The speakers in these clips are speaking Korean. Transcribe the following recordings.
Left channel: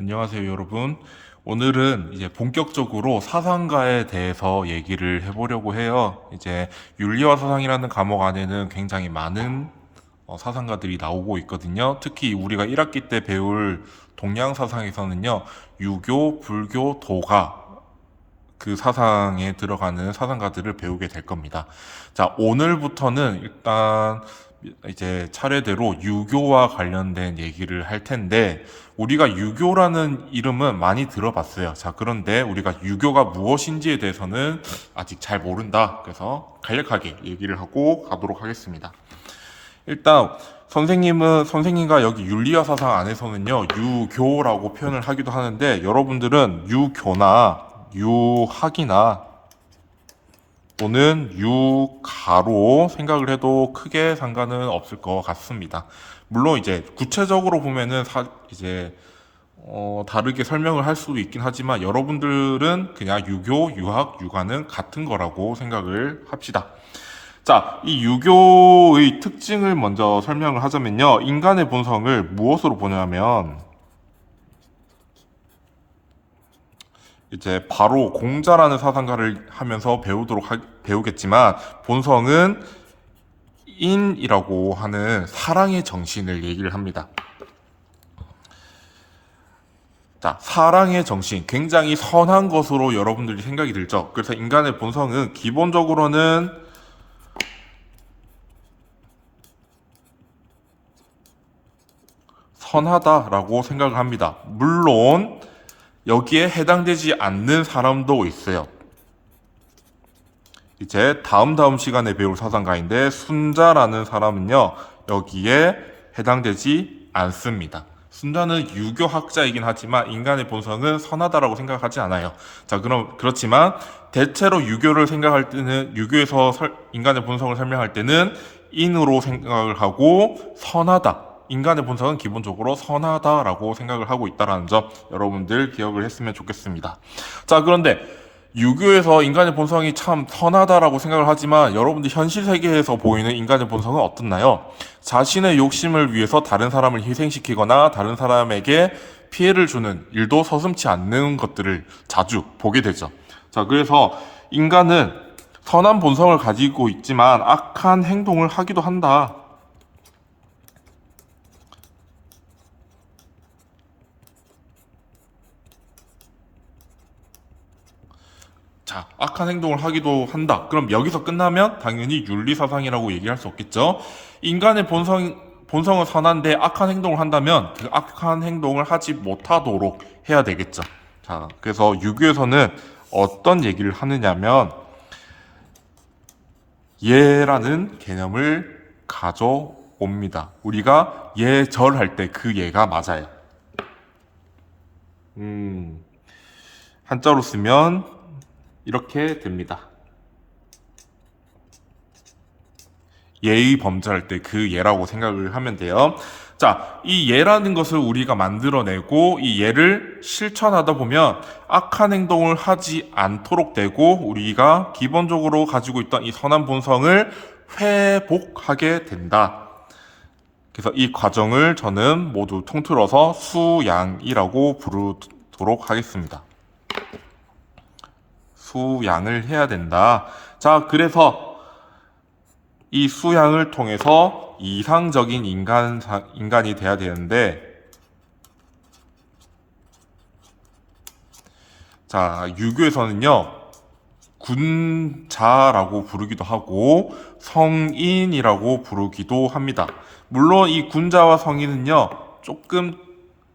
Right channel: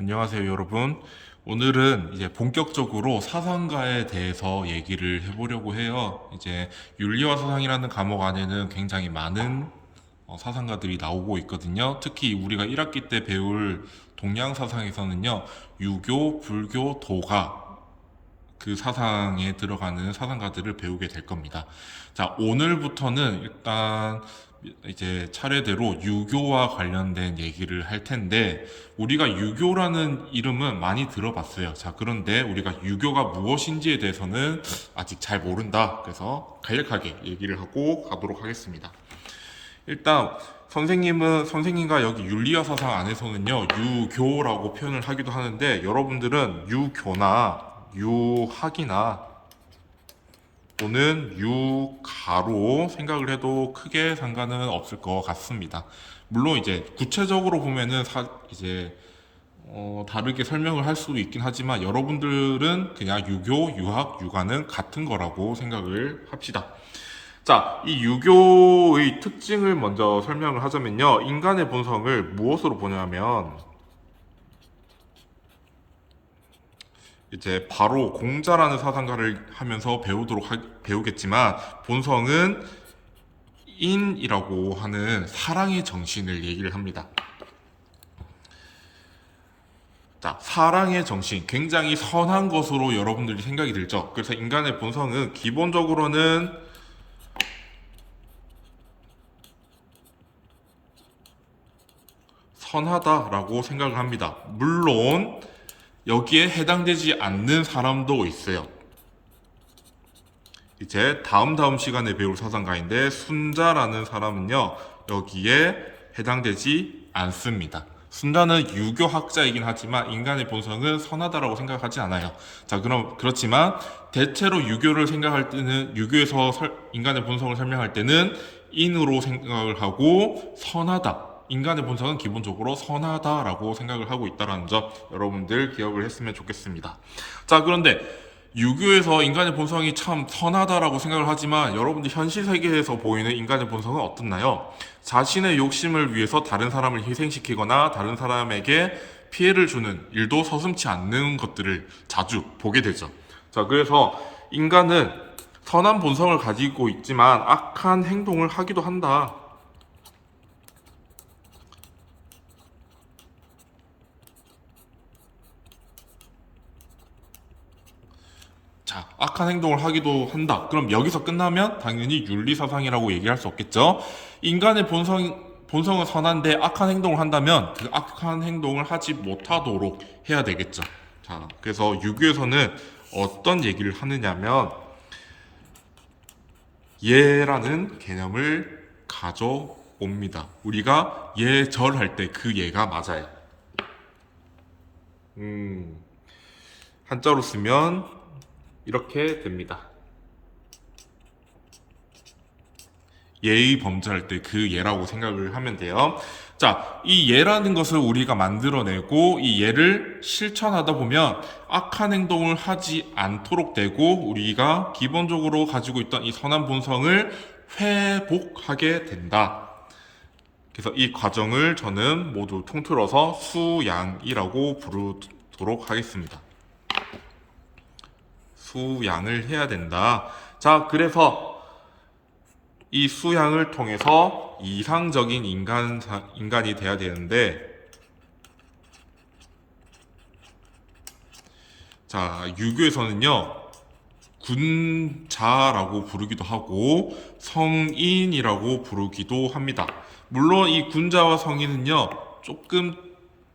안녕하세요, 여러분. 오늘은 이제 본격적으로 사상가에 대해서 얘기를 해보려고 해요. 이제 윤리와 사상이라는 과목 안에는 굉장히 많은 사상가들이 나오고 있거든요. 특히 우리가 1학기 때 배울 동양 사상에서는요, 유교, 불교, 도가 그 사상에 들어가는 사상가들을 배우게 될 겁니다. 자, 오늘부터는 일단 이제 차례대로 유교와 관련된 얘기를 할 텐데, 우리가 유교라는 이름은 많이 들어봤어요. 자, 그런데 우리가 유교가 무엇인지에 대해서는 아직 잘 모른다. 그래서 간략하게 얘기를 하고 가도록 하겠습니다. 일단 선생님과 여기 윤리와 사상 안에서는요, 유교라고 표현을 하기도 하는데, 여러분들은 유교나 유학이나 또는 유가로 생각을 해도 크게 상관은 없을 것 같습니다. 물론 이제 구체적으로 보면은 다르게 설명을 할 수도 있긴 하지만 여러분들은 그냥 유교, 유학, 유가는 같은 거라고 생각을 합시다. 자, 이 유교의 특징을 먼저 설명을 하자면요. 인간의 본성을 무엇으로 보냐면 이제 바로 공자라는 사상가를 하면서 배우겠지만 본성은 인이라고 하는 사랑의 정신을 얘기를 합니다. 자, 사랑의 정신, 굉장히 선한 것으로 여러분들이 생각이 들죠. 그래서 인간의 본성은 기본적으로는 선하다라고 생각을 합니다. 물론 여기에 해당되지 않는 사람도 있어요. 이제 다음 시간에 배울 사상가인데 순자라는 사람은요, 여기에 해당되지 않습니다. 순자는 유교학자이긴 하지만 인간의 본성은 선하다라고 생각하지 않아요. 자, 그렇지만 대체로 유교를 생각할 때는 유교에서 인간의 본성을 설명할 때는 인으로 생각을 하고 선하다. 인간의 본성은 기본적으로 선하다라고 생각을 하고 있다는 점 여러분들 기억을 했으면 좋겠습니다. 자, 그런데 유교에서 인간의 본성이 참 선하다라고 생각을 하지만 여러분들 현실 세계에서 보이는 인간의 본성은 어떻나요? 자신의 욕심을 위해서 다른 사람을 희생시키거나 다른 사람에게 피해를 주는 일도 서슴지 않는 것들을 자주 보게 되죠. 자, 그래서 인간은 선한 본성을 가지고 있지만 악한 행동을 하기도 한다. 자, 악한 행동을 하기도 한다. 그럼 여기서 끝나면 당연히 윤리사상이라고 얘기할 수 없겠죠? 인간의 본성은 선한데 악한 행동을 한다면 그 악한 행동을 하지 못하도록 해야 되겠죠. 자, 그래서 유교에서는 어떤 얘기를 하느냐면 예라는 개념을 가져옵니다. 우리가 예절할 때 그 예가 맞아요. 한자로 쓰면 이렇게 됩니다. 예의 범죄할 때 그 예라고 생각을 하면 돼요. 자, 이 예라는 것을 우리가 만들어내고 이 예를 실천하다 보면 악한 행동을 하지 않도록 되고 우리가 기본적으로 가지고 있던 이 선한 본성을 회복하게 된다. 그래서 이 과정을 저는 모두 통틀어서 수양이라고 부르도록 하겠습니다. 수양을 해야 된다. 자, 그래서 이 수양을 통해서 이상적인 인간이 돼야 되는데, 자, 유교에서는요, 군자라고 부르기도 하고, 성인이라고 부르기도 합니다. 물론 이 군자와 성인은요, 조금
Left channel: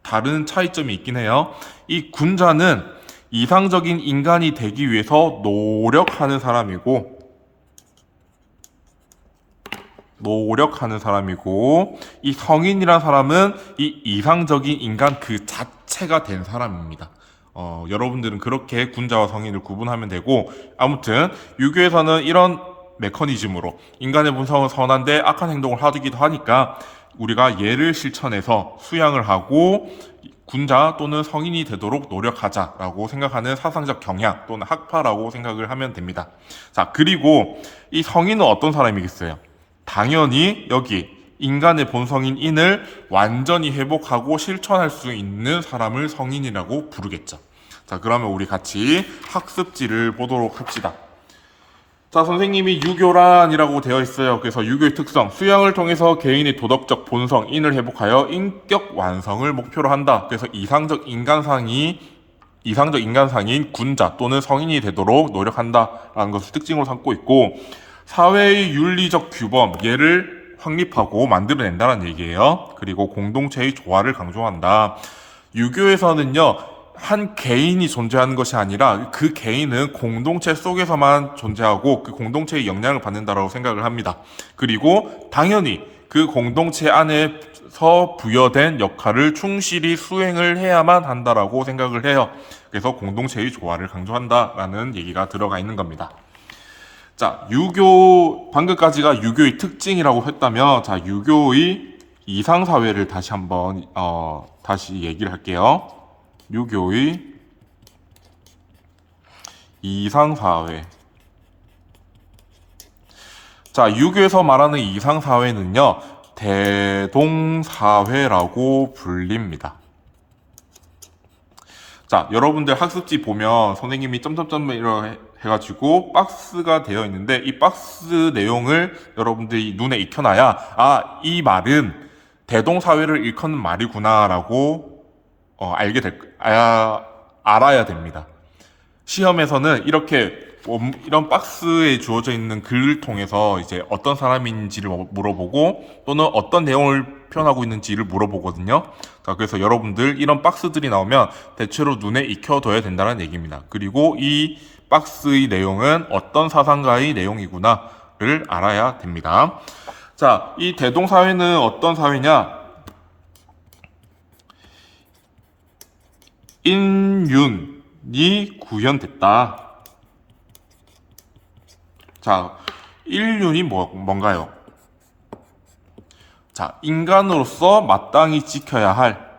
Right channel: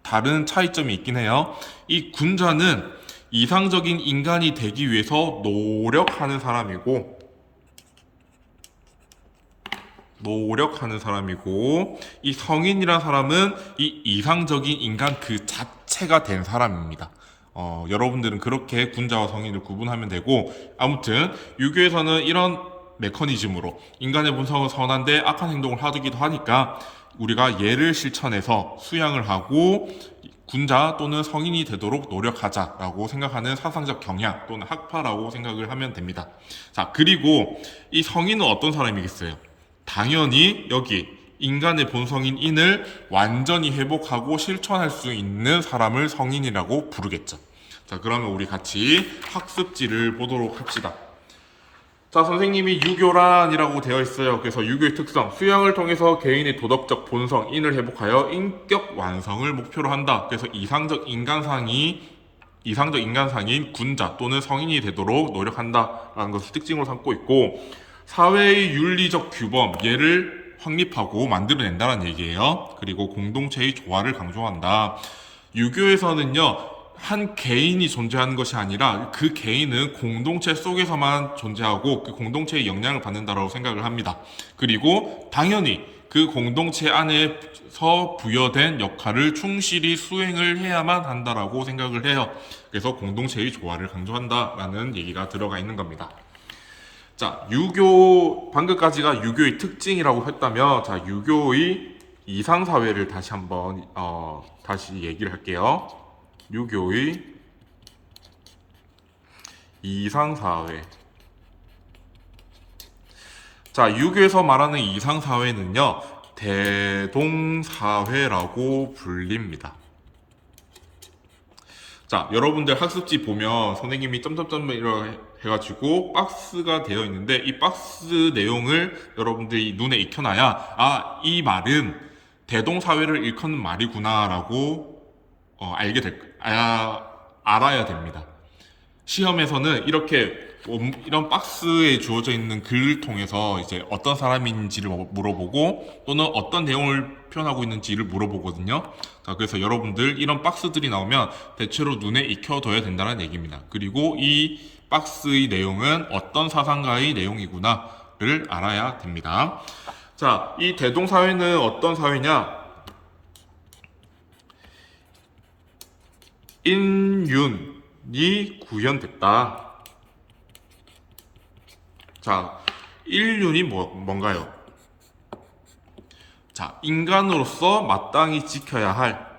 다른 차이점이 있긴 해요. 이 군자는 이상적인 인간이 되기 위해서 노력하는 사람이고, 이 성인이란 사람은 이 이상적인 인간 그 자체가 된 사람입니다. 여러분들은 그렇게 군자와 성인을 구분하면 되고, 아무튼 유교에서는 이런 메커니즘으로 인간의 본성은 선한데 악한 행동을 하기도 하니까 우리가 예를 실천해서 수양을 하고 군자 또는 성인이 되도록 노력하자라고 생각하는 사상적 경향 또는 학파라고 생각을 하면 됩니다. 자, 그리고 이 성인은 어떤 사람이겠어요? 당연히 여기 인간의 본성인 인을 완전히 회복하고 실천할 수 있는 사람을 성인이라고 부르겠죠. 자, 그러면 우리 같이 학습지를 보도록 합시다. 자, 선생님이 유교란이라고 되어 있어요. 그래서 유교의 특성, 수양을 통해서 개인의 도덕적 본성, 인을 회복하여 인격 완성을 목표로 한다. 그래서 이상적 인간상인 군자 또는 성인이 되도록 노력한다라는 것을 특징으로 삼고 있고, 사회의 윤리적 규범, 예를 확립하고 만들어낸다는 얘기예요. 그리고 공동체의 조화를 강조한다. 유교에서는요, 한 개인이 존재하는 것이 아니라 그 개인은 공동체 속에서만 존재하고 그 공동체의 영향을 받는다라고 생각을 합니다. 그리고 당연히 그 공동체 안에서 부여된 역할을 충실히 수행을 해야만 한다라고 생각을 해요. 그래서 공동체의 조화를 강조한다라는 얘기가 들어가 있는 겁니다. 자, 방금까지가 유교의 특징이라고 했다면, 자, 유교의 이상사회를 다시 한번 다시 얘기를 할게요. 유교의 이상사회. 자, 유교에서 말하는 이상사회는요, 대동사회라고 불립니다. 자, 여러분들 학습지 보면 선생님이 점점점 이렇게 해가지고 박스가 되어 있는데, 이 박스 내용을 여러분들이 눈에 익혀놔야, 아, 이 말은 대동사회를 일컫는 말이구나라고 알아야 됩니다. 시험에서는 이런 박스에 주어져 있는 글을 통해서 이제 어떤 사람인지를 물어보고 또는 어떤 내용을 표현하고 있는지를 물어보거든요. 자, 그래서 여러분들 이런 박스들이 나오면 대체로 눈에 익혀둬야 된다는 얘기입니다. 그리고 이 박스의 내용은 어떤 사상가의 내용이구나를 알아야 됩니다. 자, 이 대동사회는 어떤 사회냐? 인륜이 구현됐다. 자, 인륜이 뭔가요? 자, 인간으로서 마땅히 지켜야 할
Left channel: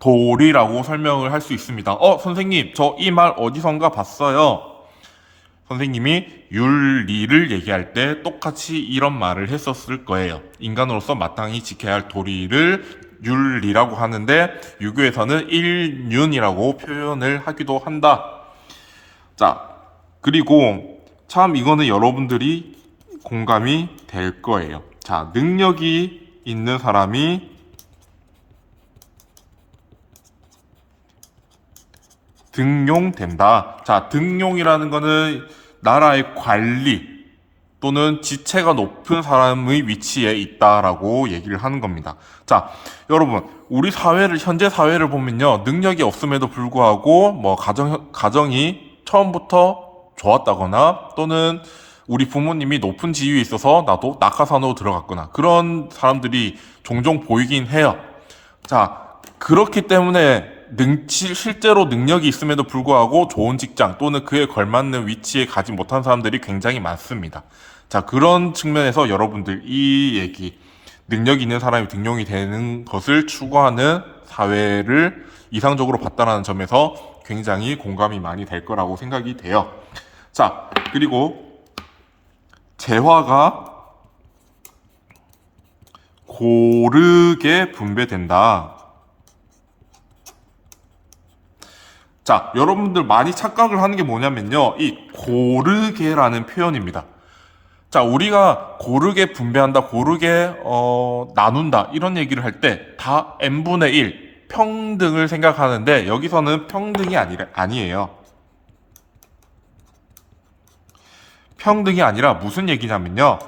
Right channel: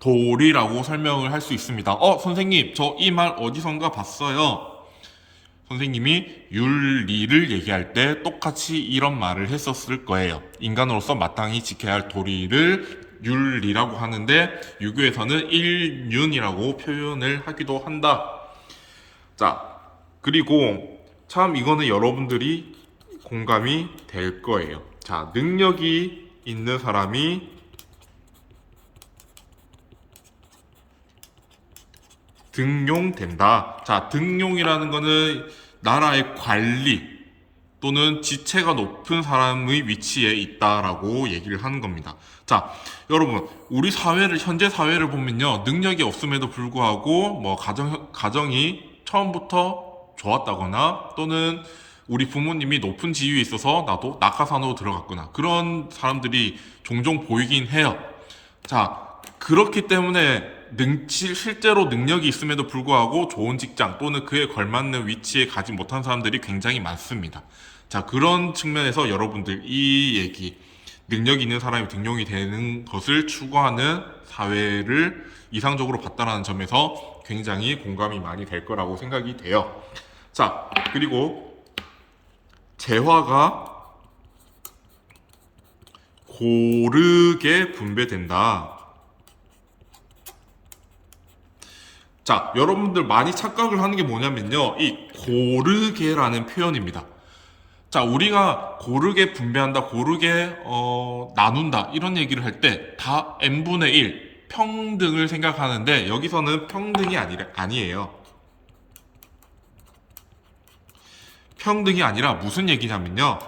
도리라고 설명을 할 수 있습니다. 선생님, 저 이 말 어디선가 봤어요. 선생님이 윤리를 얘기할 때 똑같이 이런 말을 했었을 거예요. 인간으로서 마땅히 지켜야 할 도리를 윤리라고 하는데, 유교에서는 일륜이라고 표현을 하기도 한다. 자, 그리고 참 이거는 여러분들이 공감이 될 거예요. 자, 능력이 있는 사람이 등용된다. 자, 등용이라는 거는 나라의 관리 또는 지체가 높은 사람의 위치에 있다라고 얘기를 하는 겁니다. 자, 여러분, 우리 현재 사회를 보면요, 능력이 없음에도 불구하고 뭐 가정이 처음부터 좋았다거나 또는 우리 부모님이 높은 지위에 있어서 나도 낙하산으로 들어갔거나 그런 사람들이 종종 보이긴 해요. 자, 그렇기 때문에 실제로 능력이 있음에도 불구하고 좋은 직장 또는 그에 걸맞는 위치에 가지 못한 사람들이 굉장히 많습니다. 자, 그런 측면에서 여러분들 이 얘기, 능력 있는 사람이 등용이 되는 것을 추구하는 사회를 이상적으로 봤다는 점에서 굉장히 공감이 많이 될 거라고 생각이 돼요. 자, 그리고 재화가 고르게 분배된다. 자, 여러분들 많이 착각을 하는 게 뭐냐면요, 이 고르게라는 표현입니다. 자, 우리가 고르게 분배한다, 고르게 나눈다 이런 얘기를 할 때 다 n분의 1 평등을 생각하는데, 여기서는 평등이 아니에요. 평등이 아니라 무슨 얘기냐면요,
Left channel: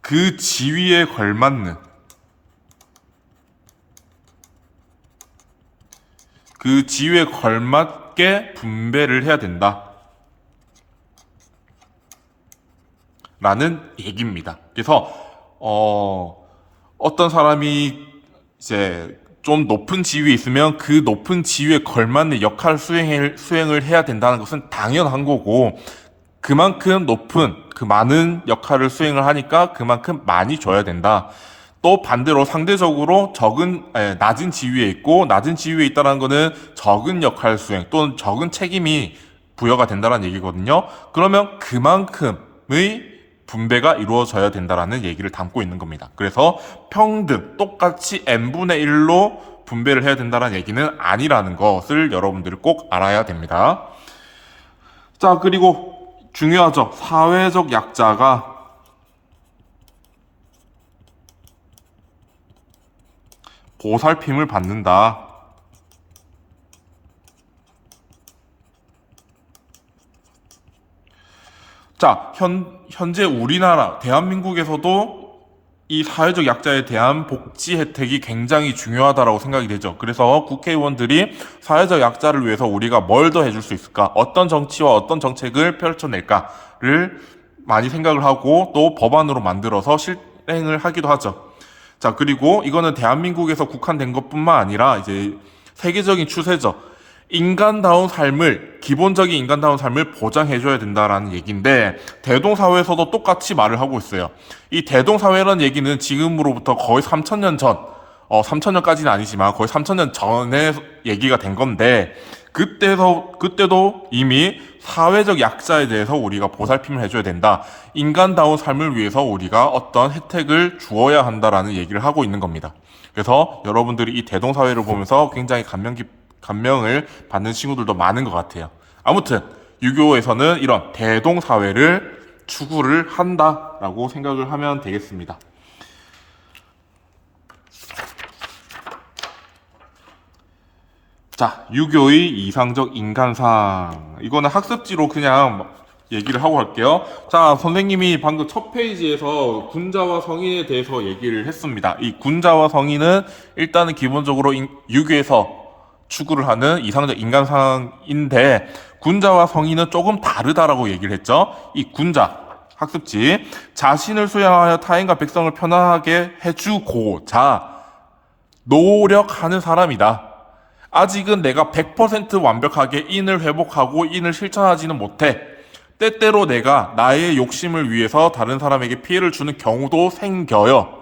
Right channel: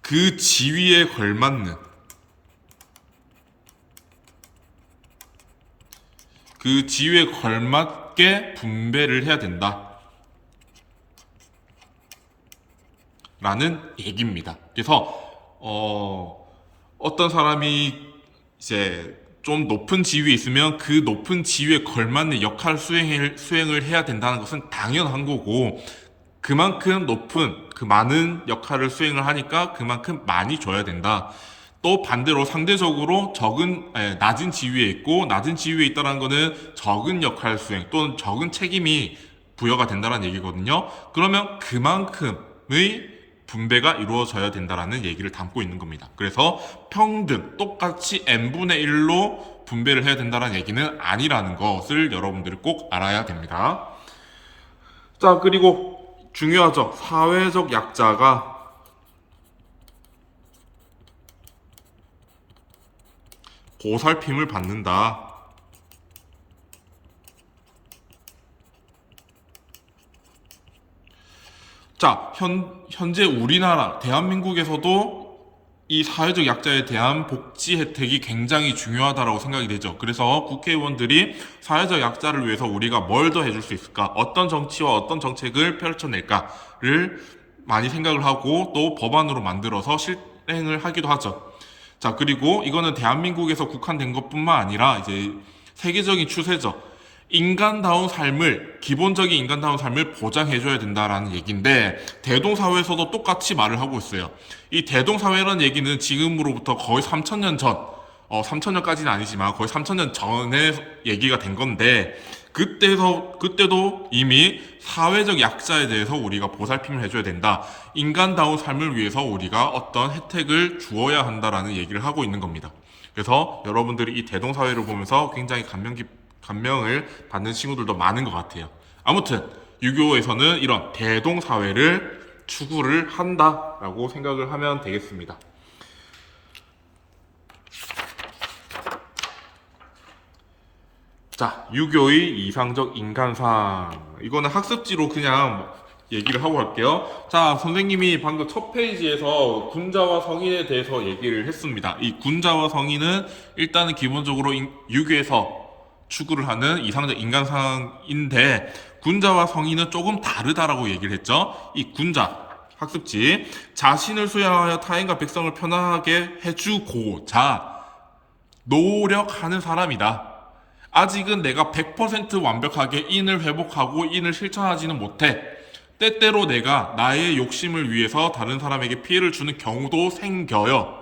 그 지위에 걸맞는, 그 지위에 걸맞게 분배를 해야 된다 라는 얘기입니다. 그래서 어떤 사람이 이제 좀 높은 지위에 있으면 그 높은 지위에 걸맞는 역할 수행을 해야 된다는 것은 당연한 거고, 그만큼 그 많은 역할을 수행을 하니까 그만큼 많이 줘야 된다. 또 반대로 상대적으로 낮은 지위에 있고, 낮은 지위에 있다는 거는 적은 역할 수행 또는 적은 책임이 부여가 된다는 얘기거든요. 그러면 그만큼의 분배가 이루어져야 된다라는 얘기를 담고 있는 겁니다. 그래서 평등, 똑같이 n분의 1로 분배를 해야 된다는 얘기는 아니라는 것을 여러분들이 꼭 알아야 됩니다. 자, 그리고 중요하죠. 사회적 약자가 보살핌을 받는다. 자, 현재 우리나라, 대한민국에서도 이 사회적 약자에 대한 복지 혜택이 굉장히 중요하다라고 생각이 되죠. 그래서 국회의원들이 사회적 약자를 위해서 우리가 뭘 더 해줄 수 있을까? 어떤 정치와 어떤 정책을 펼쳐낼까를 많이 생각을 하고 또 법안으로 만들어서 실행을 하기도 하죠. 자, 그리고 이거는 대한민국에서 국한된 것뿐만 아니라 이제 세계적인 추세죠. 기본적인 인간다운 삶을 보장해줘야 된다라는 얘기인데, 대동사회에서도 똑같이 말을 하고 있어요. 이 대동사회라는 얘기는 지금으로부터 거의 3,000년 전, 3,000년까지는 아니지만 거의 3,000년 전에 얘기가 된 건데, 그때도 이미 사회적 약자에 대해서 우리가 보살핌을 해줘야 된다. 인간다운 삶을 위해서 우리가 어떤 혜택을 주어야 한다라는 얘기를 하고 있는 겁니다. 그래서 여러분들이 이 대동사회를 보면서 굉장히 감명을 받는 친구들도 많은 것 같아요. 아무튼 유교에서는 이런 대동사회를 추구를 한다라고 생각을 하면 되겠습니다. 자, 유교의 이상적 인간상. 이거는 학습지로 그냥 얘기를 하고 갈게요. 자, 선생님이 방금 첫 페이지에서 군자와 성인에 대해서 얘기를 했습니다. 이 군자와 성인은 일단은 기본적으로 유교에서 추구를 하는 이상적 인간상인데, 군자와 성인은 조금 다르다라고 얘기를 했죠. 이 군자, 학습지, 자신을 수양하여 타인과 백성을 편하게 해주고자 노력하는 사람이다. 아직은 내가 100% 완벽하게 인을 회복하고 인을 실천하지는 못해. 때때로 내가 나의 욕심을 위해서 다른 사람에게 피해를 주는 경우도 생겨요.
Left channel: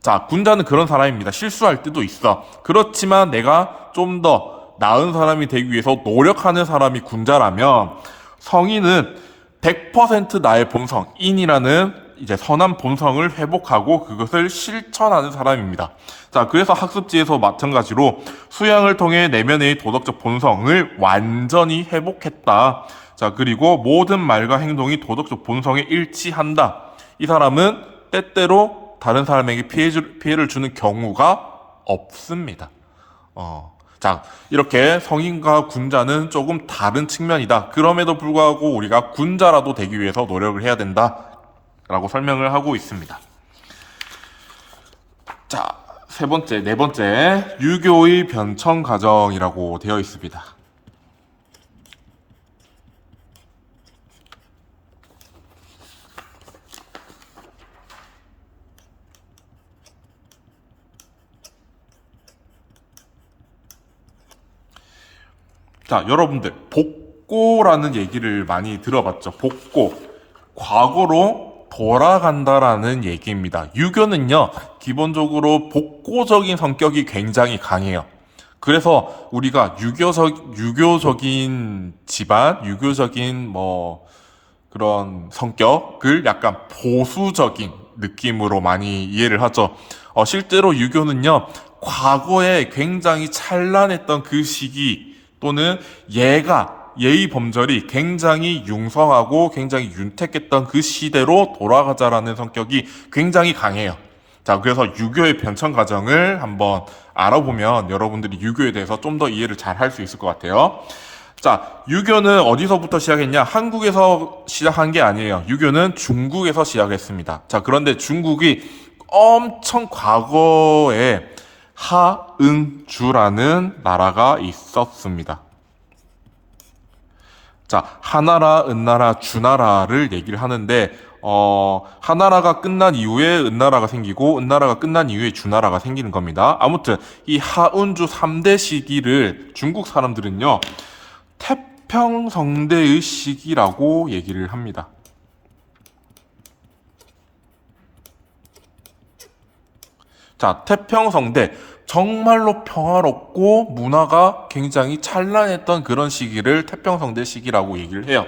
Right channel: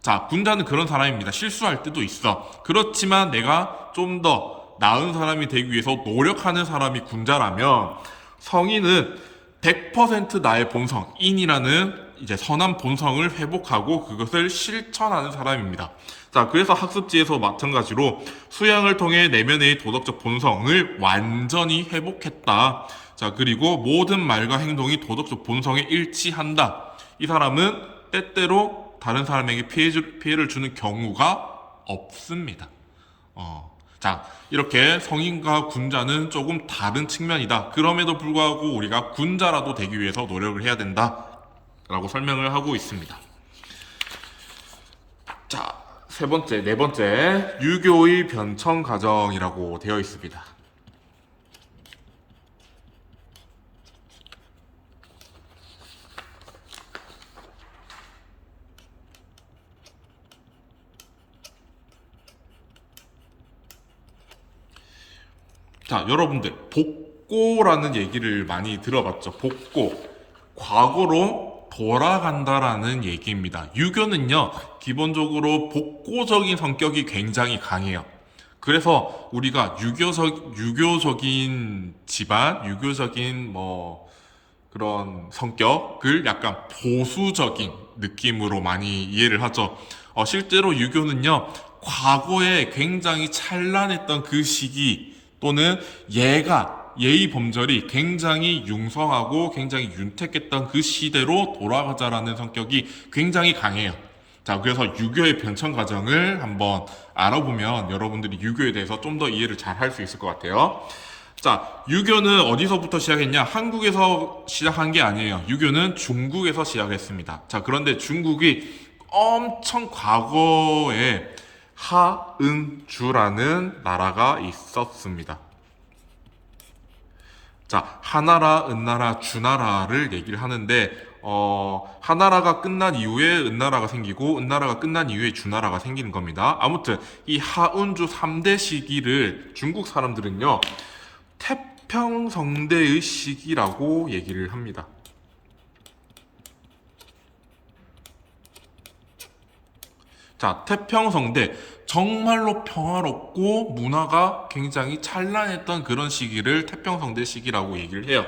자, 군자는 그런 사람입니다. 실수할 때도 있어. 그렇지만 내가 좀 더 나은 사람이 되기 위해서 노력하는 사람이 군자라면, 성인은 100% 나의 본성, 인이라는 이제 선한 본성을 회복하고 그것을 실천하는 사람입니다. 자, 그래서 학습지에서 마찬가지로 수양을 통해 내면의 도덕적 본성을 완전히 회복했다. 자, 그리고 모든 말과 행동이 도덕적 본성에 일치한다. 이 사람은 때때로 다른 사람에게 피해를 주는 경우가 없습니다. 자, 이렇게 성인과 군자는 조금 다른 측면이다. 그럼에도 불구하고 우리가 군자라도 되기 위해서 노력을 해야 된다. 라고 설명을 하고 있습니다. 자, 네 번째, 유교의 변천 과정이라고 되어 있습니다. 자, 여러분들, 복고라는 얘기를 많이 들어봤죠. 복고. 과거로 돌아간다라는 얘기입니다. 유교는요, 기본적으로 복고적인 성격이 굉장히 강해요. 그래서 우리가 유교적인 집안, 유교적인 그런 성격을 약간 보수적인 느낌으로 많이 이해를 하죠. 실제로 유교는요, 과거에 굉장히 찬란했던 그 시기 또는 예의 범절이 굉장히 융성하고 굉장히 윤택했던 그 시대로 돌아가자라는 성격이 굉장히 강해요. 자, 그래서 유교의 변천 과정을 한번 알아보면 여러분들이 유교에 대해서 좀 더 이해를 잘 할 수 있을 것 같아요. 자, 유교는 어디서부터 시작했냐? 한국에서 시작한 게 아니에요. 유교는 중국에서 시작했습니다. 자, 그런데 중국이 엄청 과거에 하은주라는 나라가 있었습니다. 자, 하나라, 은나라, 주나라를 얘기를 하는데, 하나라가 끝난 이후에 은나라가 생기고, 은나라가 끝난 이후에 주나라가 생기는 겁니다. 아무튼, 이 하은주 3대 시기를 중국 사람들은요, 태평성대의 시기라고 얘기를 합니다. 자, 태평성대. 정말로 평화롭고 문화가 굉장히 찬란했던 그런 시기를 태평성대 시기라고 얘기를 해요.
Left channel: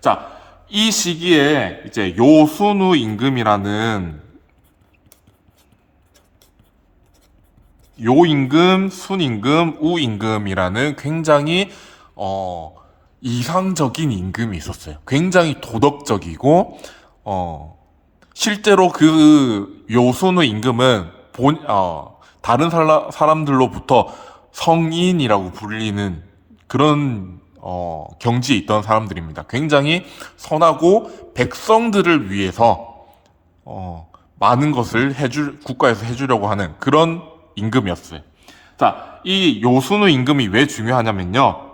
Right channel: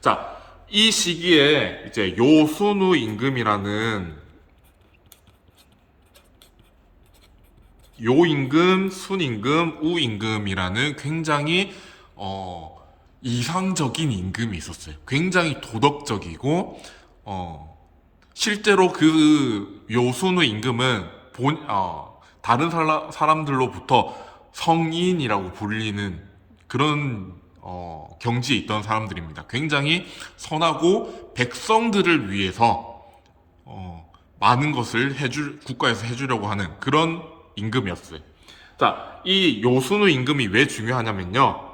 자, 이 시기에 이제 요순우 임금이라는 요임금, 순임금, 우임금이라는 굉장히 이상적인 임금이 있었어요. 굉장히 도덕적이고 실제로 그 요순우 임금은 다른 사람들로부터 성인이라고 불리는 그런 경지에 있던 사람들입니다. 굉장히 선하고 백성들을 위해서 많은 것을 국가에서 해주려고 하는 그런 임금이었어요. 자, 이 요순우 임금이 왜 중요하냐면요.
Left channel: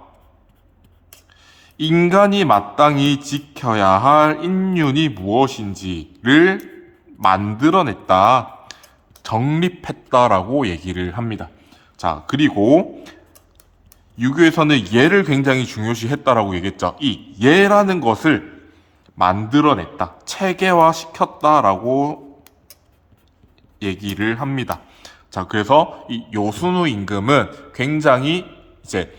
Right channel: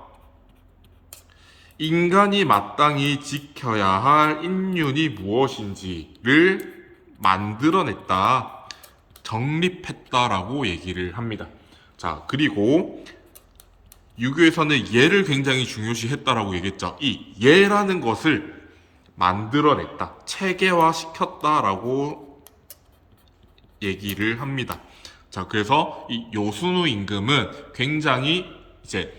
인간이 마땅히 지켜야 할 인륜이 무엇인지를 만들어냈다, 정립했다라고 얘기를 합니다. 자, 그리고 유교에서는 예를 굉장히 중요시했다라고 얘기했죠. 이 예라는 것을 만들어냈다, 체계화시켰다라고 얘기를 합니다. 자, 그래서 이 요순우 임금은 굉장히 이제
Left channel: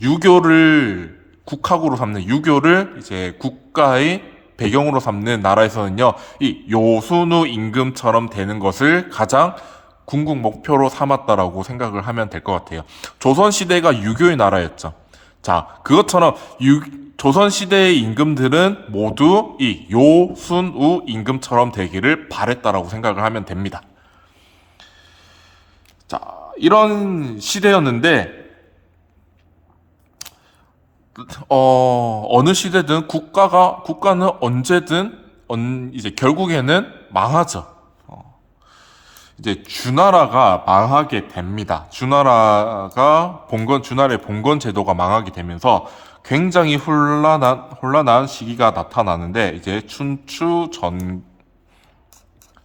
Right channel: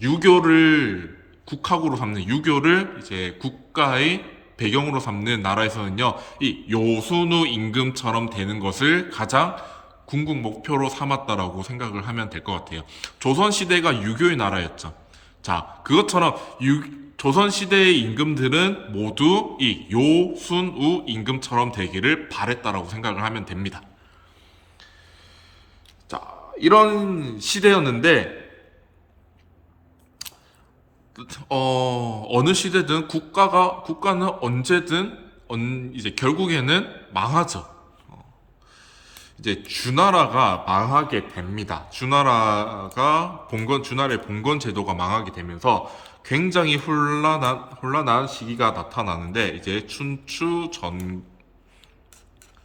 유교를 국학으로 삼는, 유교를 이제 국가의 배경으로 삼는 나라에서는요, 이 요순우 임금처럼 되는 것을 가장 궁극 목표로 삼았다라고 생각을 하면 될 것 같아요. 조선시대가 유교의 나라였죠. 자, 그것처럼 조선시대의 임금들은 모두 이 요순우 임금처럼 되기를 바랬다라고 생각을 하면 됩니다. 자, 이런 시대였는데, 어느 시대든 국가는 언제든, 이제 결국에는 망하죠. 이제 주나라가 망하게 됩니다. 주나라의 봉건 제도가 망하게 되면서 굉장히 혼란한 시기가 나타나는데, 이제 춘추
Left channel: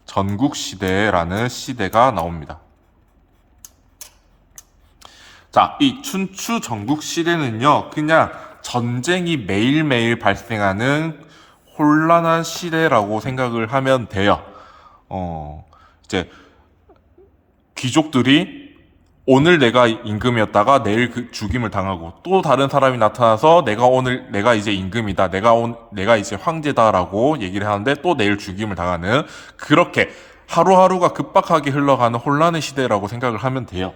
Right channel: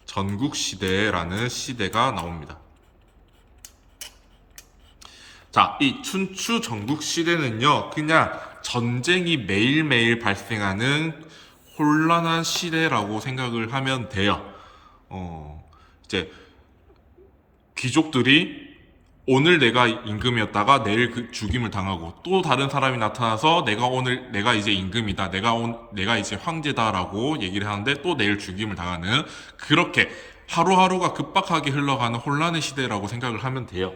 전국 시대라는 시대가 나옵니다. 자, 이 춘추 전국 시대는요, 그냥 전쟁이 매일매일 발생하는 혼란한 시대라고 생각을 하면 돼요. 이제 귀족들이 오늘 내가 임금이었다가 내일 그 죽임을 당하고, 또 다른 사람이 나타나서 내가 이제 임금이다, 내가 이제 황제다라고 얘기를 하는데 또 내일 죽임을 당하는, 그렇게 하루하루가 급박하게 흘러가는 혼란의 시대라고 생각을 하면 돼요.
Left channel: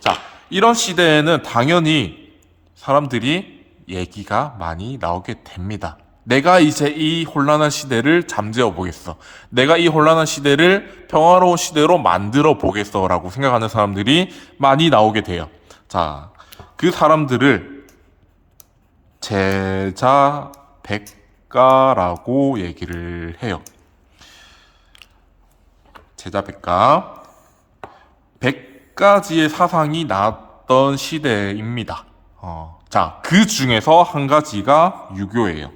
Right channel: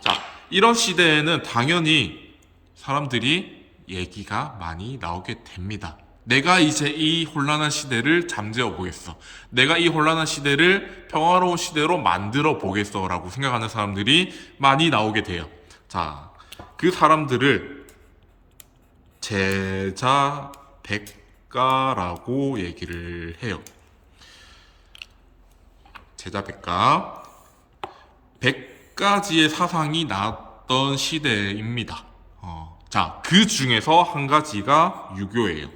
자, 이런 시대에는 당연히 사람들이 얘기가 많이 나오게 됩니다. 내가 이제 이 혼란한 시대를 잠재워 보겠어, 내가 이 혼란한 시대를 평화로운 시대로 만들어 보겠어 라고 생각하는 사람들이 많이 나오게 돼요. 자, 그 사람들을 제자백가라고 얘기를 해요. 제자백가. 100가지의 사상이 나왔던 시대입니다. 자, 그 중에서 한 가지가 유교예요.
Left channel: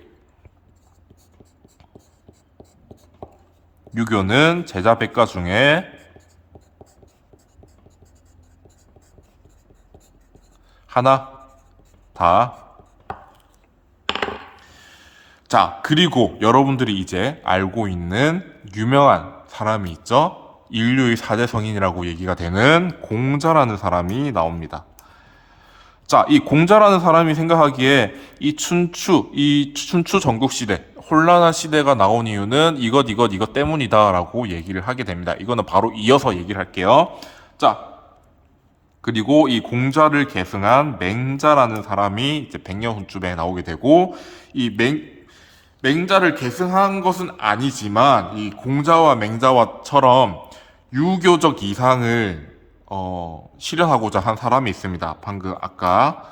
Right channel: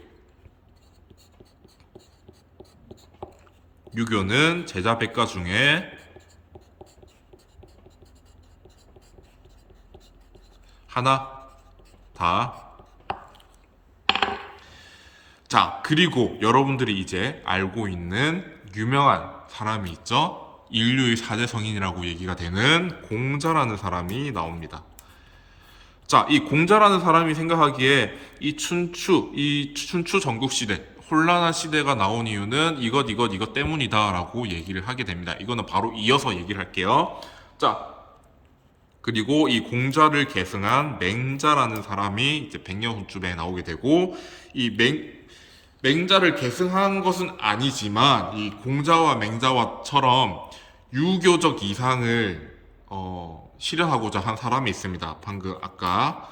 유교는 제자백가 중에 하나 다. 자, 그리고 여러분들이 이제 알고 있는 유명한 사람이 있죠. 인류의 4대 성인이라고 얘기가 되는 공자라는 사람이 나옵니다. 자, 이 공자라는 사람이 생각하기에 이 춘추 전국시대, 혼란한 시대가 나온 이유는 이것 때문이다 라고 얘기를 하게 됩니다. 이거는 바로 이어서 얘기를 할게요. 자, 그리고 이 공자를 계승한 맹자라는 사람이 이제 100년 후쯤에 나오게 되고, 이 맹자를 계승한 것은 아니지만 이 공자와 맹자와처럼 유교적 이상을 실현하고자 한 사람이 있습니다. 방금 아까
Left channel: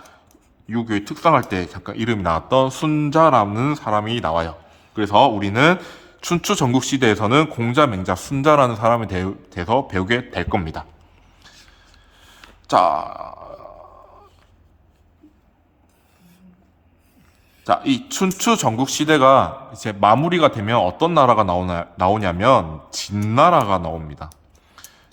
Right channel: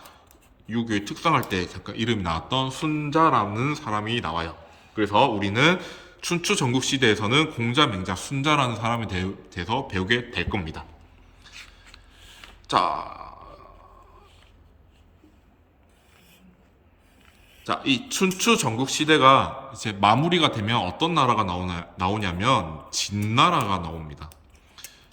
유교의 특성할 때 잠깐 이름이 나왔던 순자라는 사람이 나와요. 그래서 우리는 춘추 전국 시대에서는 공자, 맹자, 순자라는 사람에 대해서 배우게 될 겁니다. 자, 이 춘추 전국 시대가 이제 마무리가 되면 어떤 나라가 나오냐면 진나라가 나옵니다.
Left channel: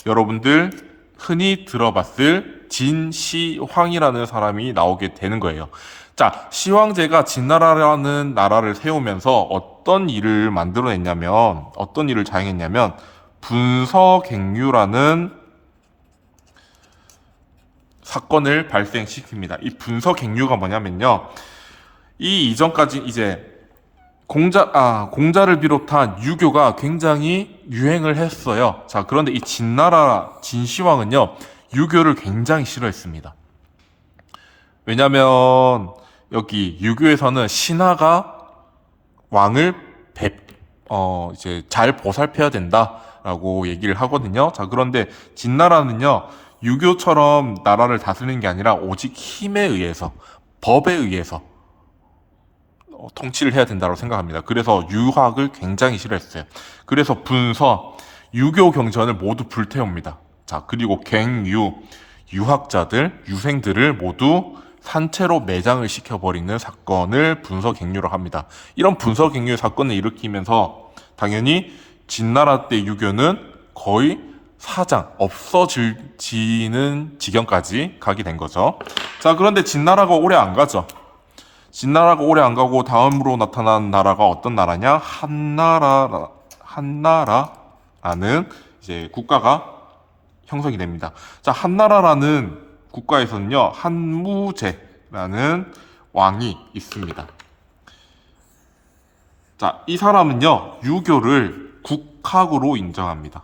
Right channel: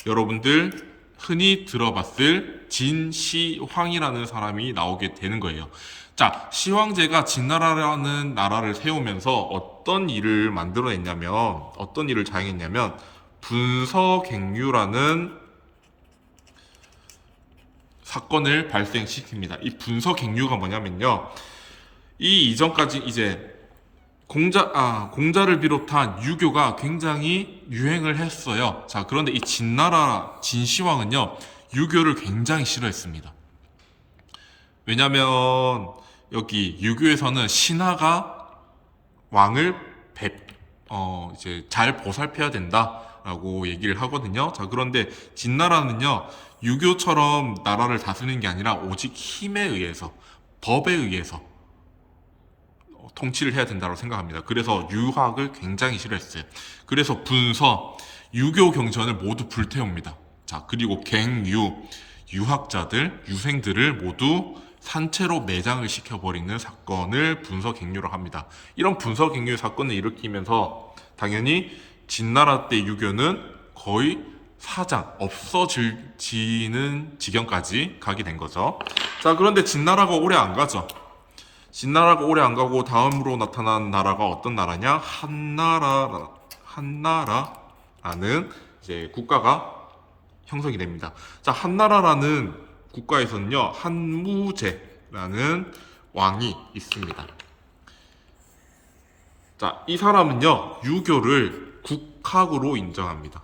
여러분들 흔히 들어봤을 진시황이라는 사람이 나오게 되는 거예요. 자, 시황제가 진나라라는 나라를 세우면서 어떤 일을 자행했냐면 분서갱유라는 사건을 발생시킵니다. 이 분서갱유가 뭐냐면요. 이 이전까지 이제 공자를 비롯한 유교가 굉장히 유행을 했어요. 자, 그런데 이 진나라 진시황은요, 유교를 굉장히 싫어했습니다. 왜냐면 여기 유교에서는 신하가 왕을 이제 잘 보살펴야 된다라고 얘기를 하거든요. 자, 그런데 진나라는요, 유교처럼 나라를 다스리는 게 아니라 오직 힘에 의해서, 법에 의해서 통치를 해야 된다고 생각합니다. 그래서 유학을 굉장히 싫어했어요. 그래서 분서, 유교 경전을 모두 불태웁니다. 자, 그리고 갱유, 유학자들, 유생들을 모두 산채로 매장을 시켜버리는 사건을 분서갱유라고 합니다. 이런 분서갱유 사건을 일으키면서 당연히 진나라 때 유교는 거의 없어지는 지경까지 가게 된 거죠. 자, 그런데 진나라가 오래 안 가죠. 진나라가 오래 안 가고 다음으로 나타난 나라가 어떤 나라냐? 한나라라는 이제 국가가 형성이 됩니다. 자, 한나라라는 국가에서는요, 한무제라는 왕이 있습니다. 자, 이 사람은요, 유교를 국학으로 인정합니다.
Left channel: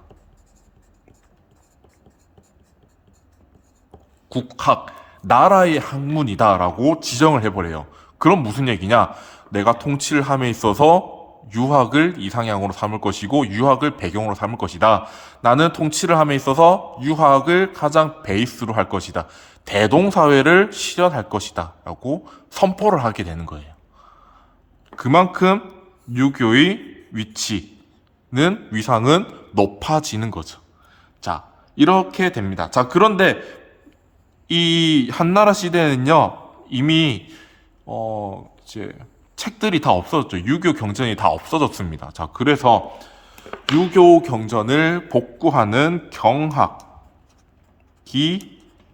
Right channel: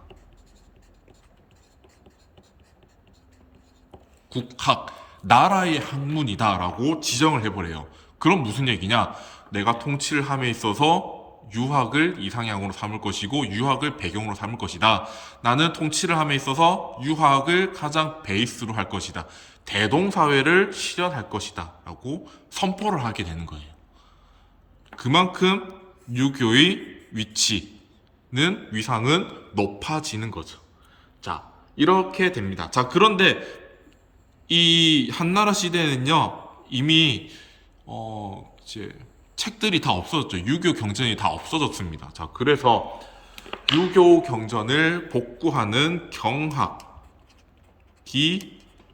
국학, 나라의 학문이다라고 지정을 해버려요. 그럼 무슨 얘기냐? 내가 통치를 함에 있어서 유학을 이상향으로 삼을 것이고 유학을 배경으로 삼을 것이다. 나는 통치를 함에 있어서 유학을 가장 베이스로 할 것이다. 대동사회를 실현할 것이다. 라고 선포를 하게 되는 거예요. 그만큼 유교의 위상은 높아지는 거죠. 자, 이렇게 됩니다. 자, 그런데 이 한나라 시대는요, 이미 이제 책들이 다 없어졌죠. 유교 경전이 다 없어졌습니다. 자, 그래서 유교 경전을 복구하는 경학이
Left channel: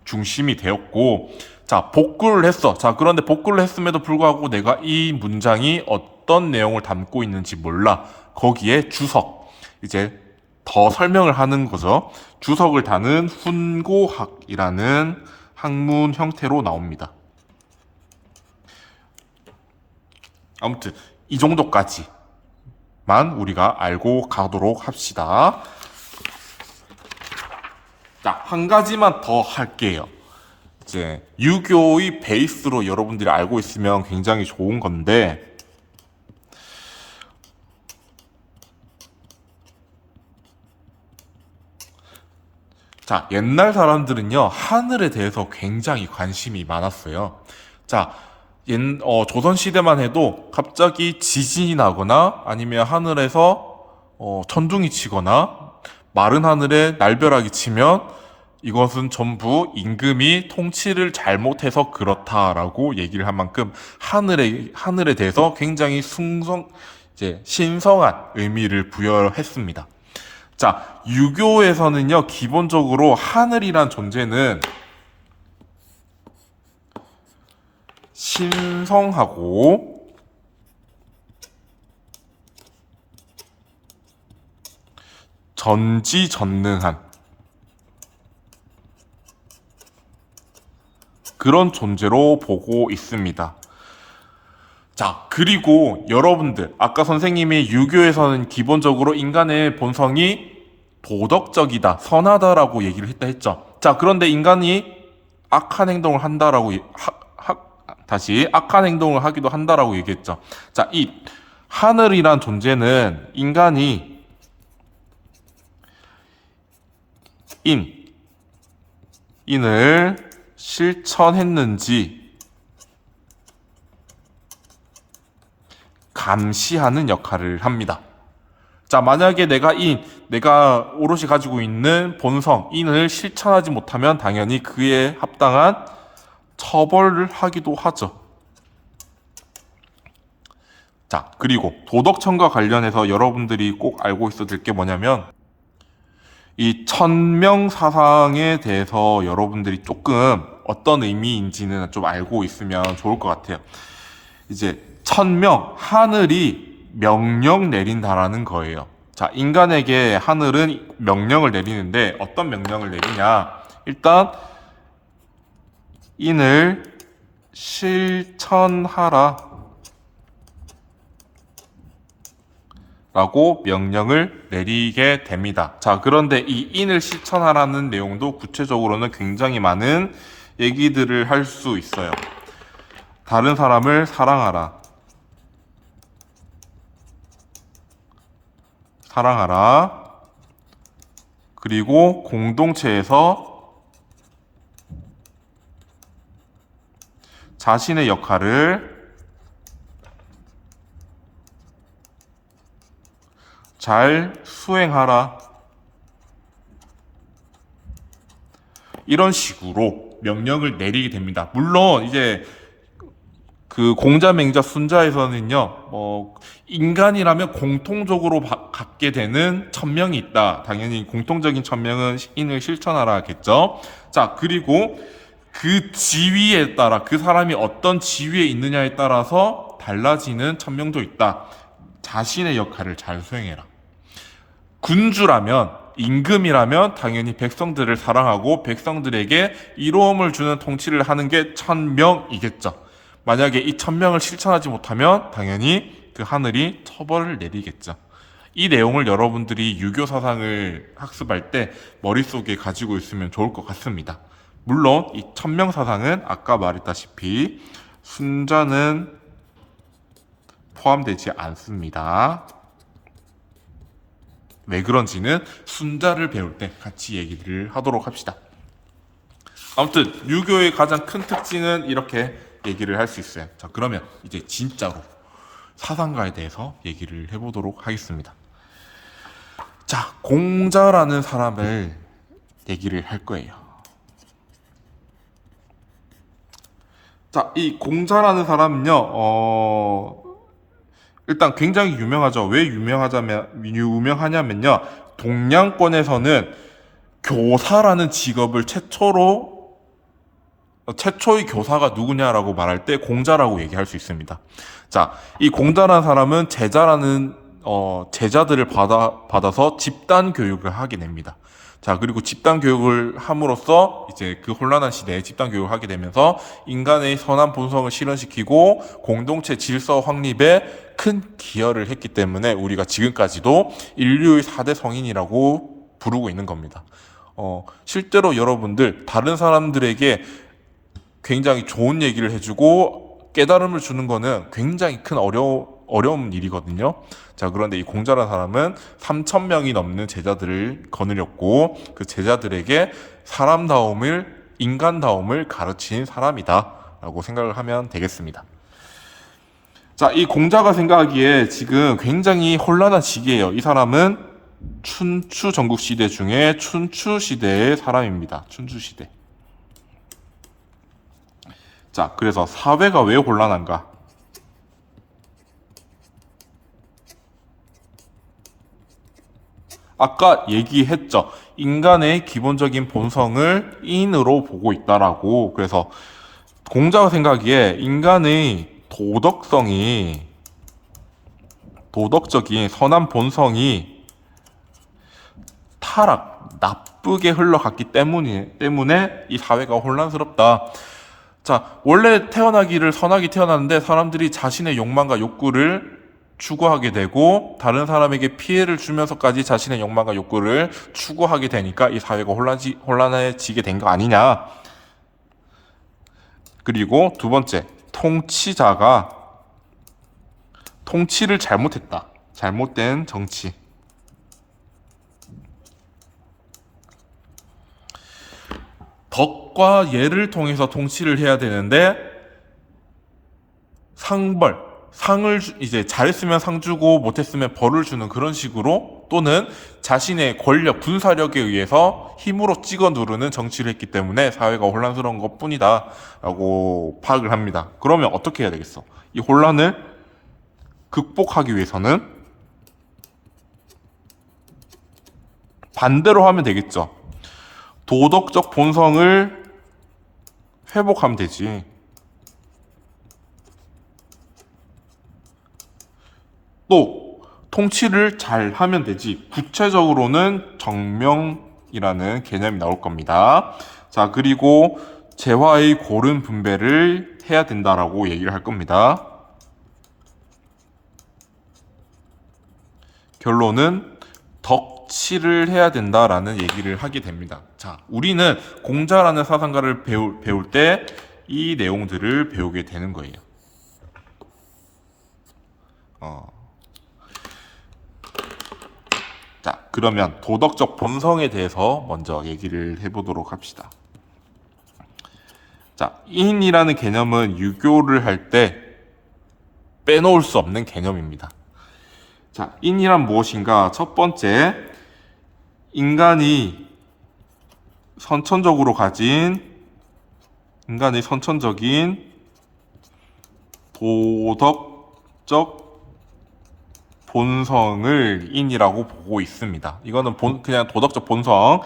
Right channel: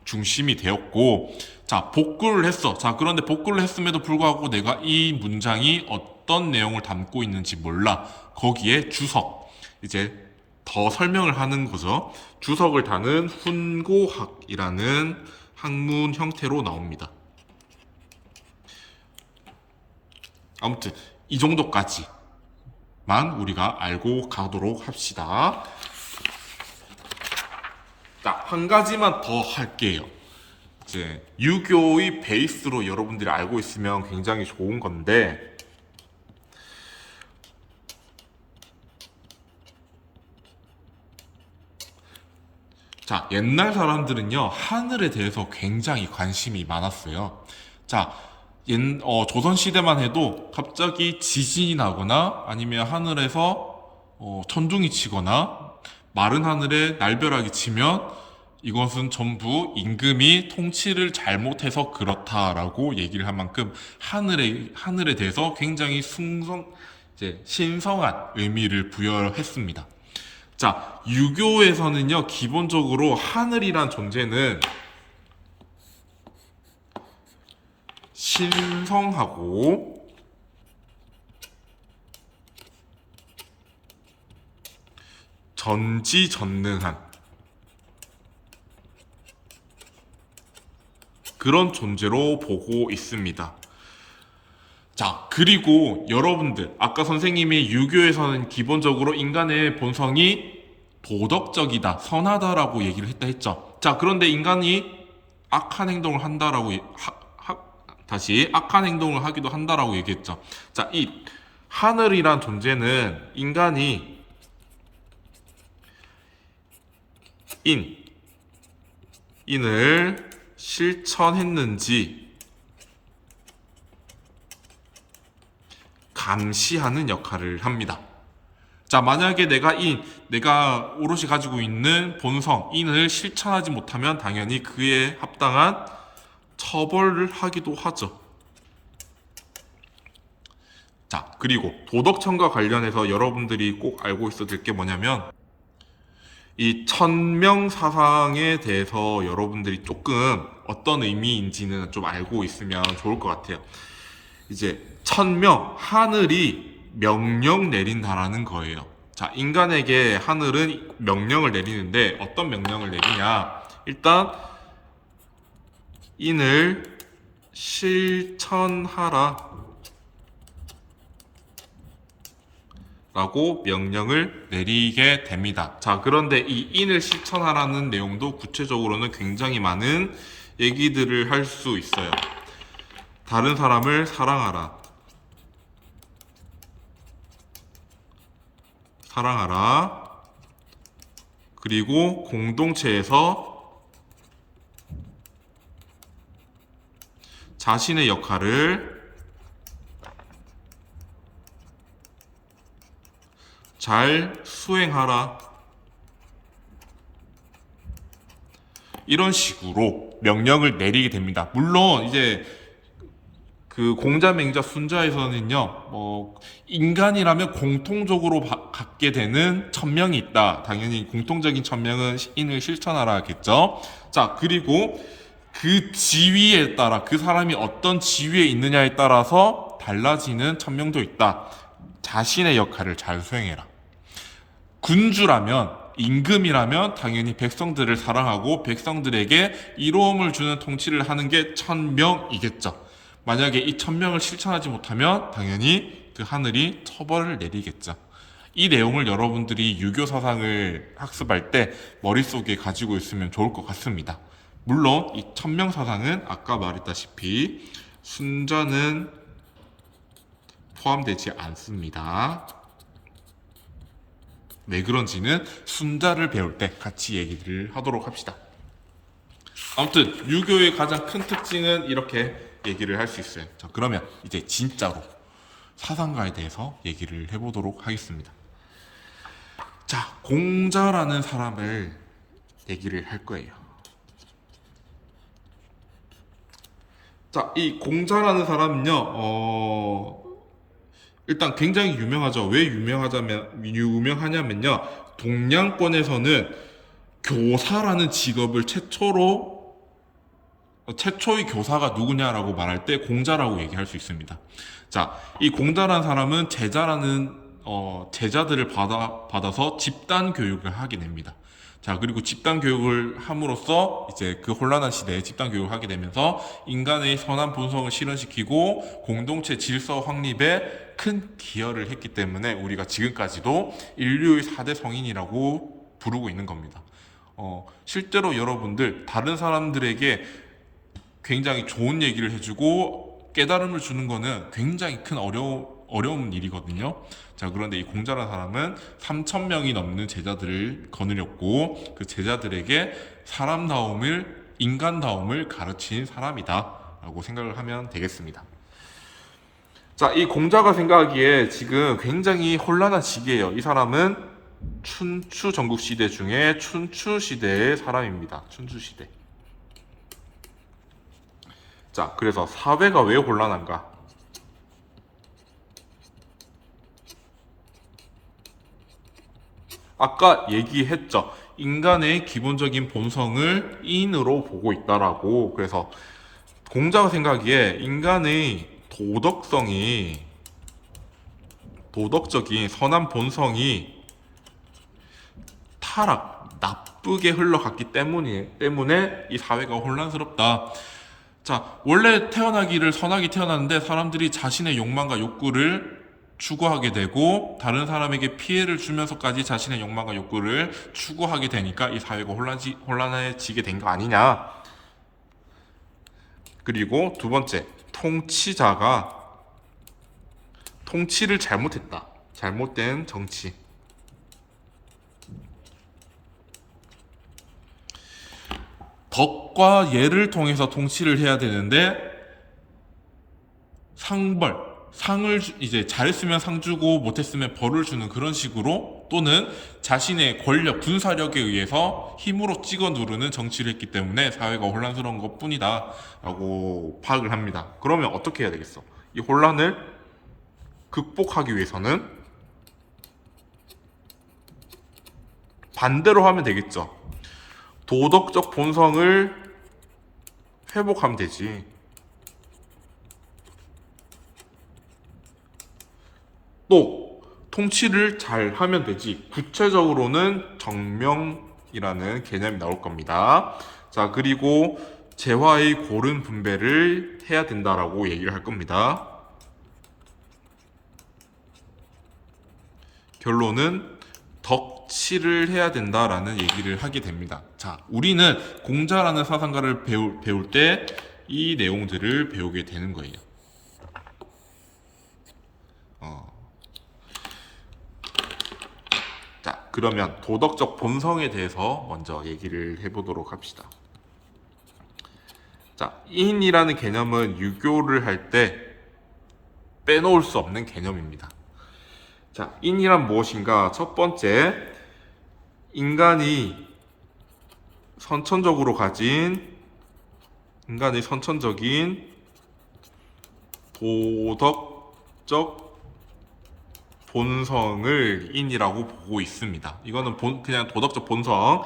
중심이 되었고, 자, 복구를 했어. 자, 그런데 복구를 했음에도 불구하고 내가 이 문장이 어떤 내용을 담고 있는지 몰라. 거기에 주석, 이제 더 설명을 하는 거죠. 주석을 다는 훈고학이라는 학문 형태로 나옵니다. 아무튼 이 정도까지만 우리가 알고 가도록 합시다. 자, 한 가지만 더 할게요. 이제 유교의 베이스로 여러분들이 알고 있으면 굉장히 좋은 건데, 자, 옛날 사람들은요, 하늘에 대해서 굉장히 관심이 많았어요. 자, 조선시대만 해도 갑자기 지진이 나거나 아니면 하늘에서 천둥이 치거나 마른 하늘에 날벼락이 치면 이것은 전부 임금이 통치를 잘못해서 그렇다라고 얘기를 한 만큼 하늘에 대해서 굉장히 신성한 의미를 부여했습니다. 자, 유교에서는요, 기본적으로 하늘이란 존재는 신성하고 전지전능한 그런 존재로 보고 있습니다. 자, 그리고 여러분들, 아까 선생님이 유교에서는 기본적으로 인간의 본성이 도덕적이다, 선하다라고 얘기를 했죠. 자, 그런데 인간이 악한 행동을 한다라고 악한 행동을 하기도 한다라고 얘기했죠. 자, 이 하늘이란 존재는 인간이 인을 실천했는지 감시하는 역할을 합니다. 자, 만약에 내가 오롯이 가지고 있는 본성, 인을 실천하지 못하면 당연히 그에 합당한 처벌을 하기도 하죠. 자, 그리고 도덕천과 관련해서 여러분들이 꼭 알고 있어야 될 게 뭐냐면, 이 천명사상에 대해서 여러분들이 조금 어떤 의미인지는 좀 알고 있으면 좋을 것 같아요. 이제 천명, 하늘이 명령 내린다라는 거예요. 자, 인간에게 하늘은 명령을 내리는데 어떤 명령을 내리냐? 일단 인을 실천하라 라고 명령을 내리게 됩니다. 자, 그런데 이 인을 실천하라는 내용도 구체적으로는 굉장히 많은 얘기들을 할 수 있어요. 다른 사람을 사랑하라. 사랑하라. 그리고 공동체에서 자신의 역할을 잘 수행하라. 이런 식으로 명령을 내리게 됩니다. 물론 이제 그 공자맹자 순자에서는요, 인간이라면 공통적으로 갖게 되는 천명이 있다. 당연히 공통적인 천명은 인을 실천하라겠죠. 자, 그리고 그 지위에 따라, 그 사람이 어떤 지위에 있느냐에 따라서 달라지는 천명도 있다. 자신의 역할을 잘 수행해라. 군주라면, 임금이라면 당연히 백성들을 사랑하고 백성들에게 이로움을 주는 통치를 하는 게 천명이겠죠. 만약에 이 천명을 실천하지 못하면 당연히 그 하늘이 처벌을 내리겠죠. 이 내용을 여러분들이 유교 사상을 학습할 때 머릿속에 가지고 있으면 좋을 것 같습니다. 물론 이 천명 사상은 아까 말했다시피 순자는 포함되지 않습니다. 왜 그런지는 순자를 배울 때 같이 얘기를 하도록 합시다. 아무튼 유교의 가장 큰 특징은 이렇게 얘기를 할 수 있어요. 자, 그러면 이제 진짜로 사상가에 대해서 얘기를 해보도록 하겠습니다. 자, 공자라는 사람을 얘기를 할 거예요. 자, 이 공자라는 사람은요, 일단 굉장히 유명하죠. 왜 유명하냐면요, 동양권에서는 교사라는 직업을 최초의 교사가 누구냐라고 말할 때 공자라고 얘기할 수 있습니다. 자, 이 공자라는 사람은 제자들을 받아서 집단 교육을 하게 됩니다. 자, 그리고 집단 교육을 함으로써 이제 그 혼란한 시대에 집단 교육을 하게 되면서 인간의 선한 본성을 실현시키고 공동체 질서 확립에 큰 기여를 했기 때문에 우리가 지금까지도 인류의 4대 성인이라고 부르고 있는 겁니다. 실제로 여러분들 다른 사람들에게 굉장히 좋은 얘기를 해주고 깨달음을 주는 거는 굉장히 큰 어려운 일이거든요. 자, 그런데 이 공자라는 사람은 3,000명이 넘는 제자들을 거느렸고 그 제자들에게 인간다움을 가르친 사람이다 라고 생각을 하면 되겠습니다. 자, 이 공자가 생각하기에 지금 굉장히 혼란한 시기예요. 이 사람은 춘추 전국시대 중에 춘추시대의 사람입니다. 춘추시대. 자, 그래서 사회가 왜 혼란한가? 아까 얘기했죠. 인간의 기본적인 본성을 인으로 보고 있다라고. 그래서 공자가 생각하기에 인간의 도덕적인 선한 본성이 나쁘게 흘러갔기 때문에 이 사회가 혼란스럽다. 자, 원래 태어나기를 선하게 태어났는데 사람들이 자신의 욕망과 욕구를 추구하게 되고 다른 사람에게 피해를 주면서까지 자신의 욕망과 욕구를 추구하게 되니까 이 사회가 혼란해지게 된 거 아니냐. 그리고 두 번째, 통치자가 통치를 잘못했다. 잘못된 정치. 덕과 예를 통해서 통치를 해야 되는데 상을 이제 잘했으면 상 주고 못했으면 벌을 주는 그런 식으로 또는 자신의 권력, 군사력에 의해서 힘으로 찍어 누르는 정치를 했기 때문에 사회가 혼란스러운 것뿐이다 라고 파악을 합니다. 그러면 어떻게 해야 되겠어? 이 혼란을 극복하기 위해서는 반대로 하면 되겠죠. 도덕적 본성을 회복하면 되지. 또 통치를 잘 하면 되지. 구체적으로는 정명이라는 개념이 나올 겁니다. 자, 그리고 재화의 고른 분배를 해야 된다라고 얘기를 할 겁니다. 결론은 덕치를 해야 된다라는 얘기를 하게 됩니다. 자, 우리는 공자라는 사상가를 배울 때 이 내용들을 배우게 되는 거예요. 자, 그러면 도덕적 본성에 대해서 먼저 얘기를 해보도록 합시다. 자, 인이라는 개념은 유교를 할 때 빼놓을 수 없는 개념입니다. 자, 인이란 무엇인가? 첫 번째, 인간이 선천적인 도덕적 본성을 인이라고 보고 있습니다. 이거는 그냥 도덕적 본성.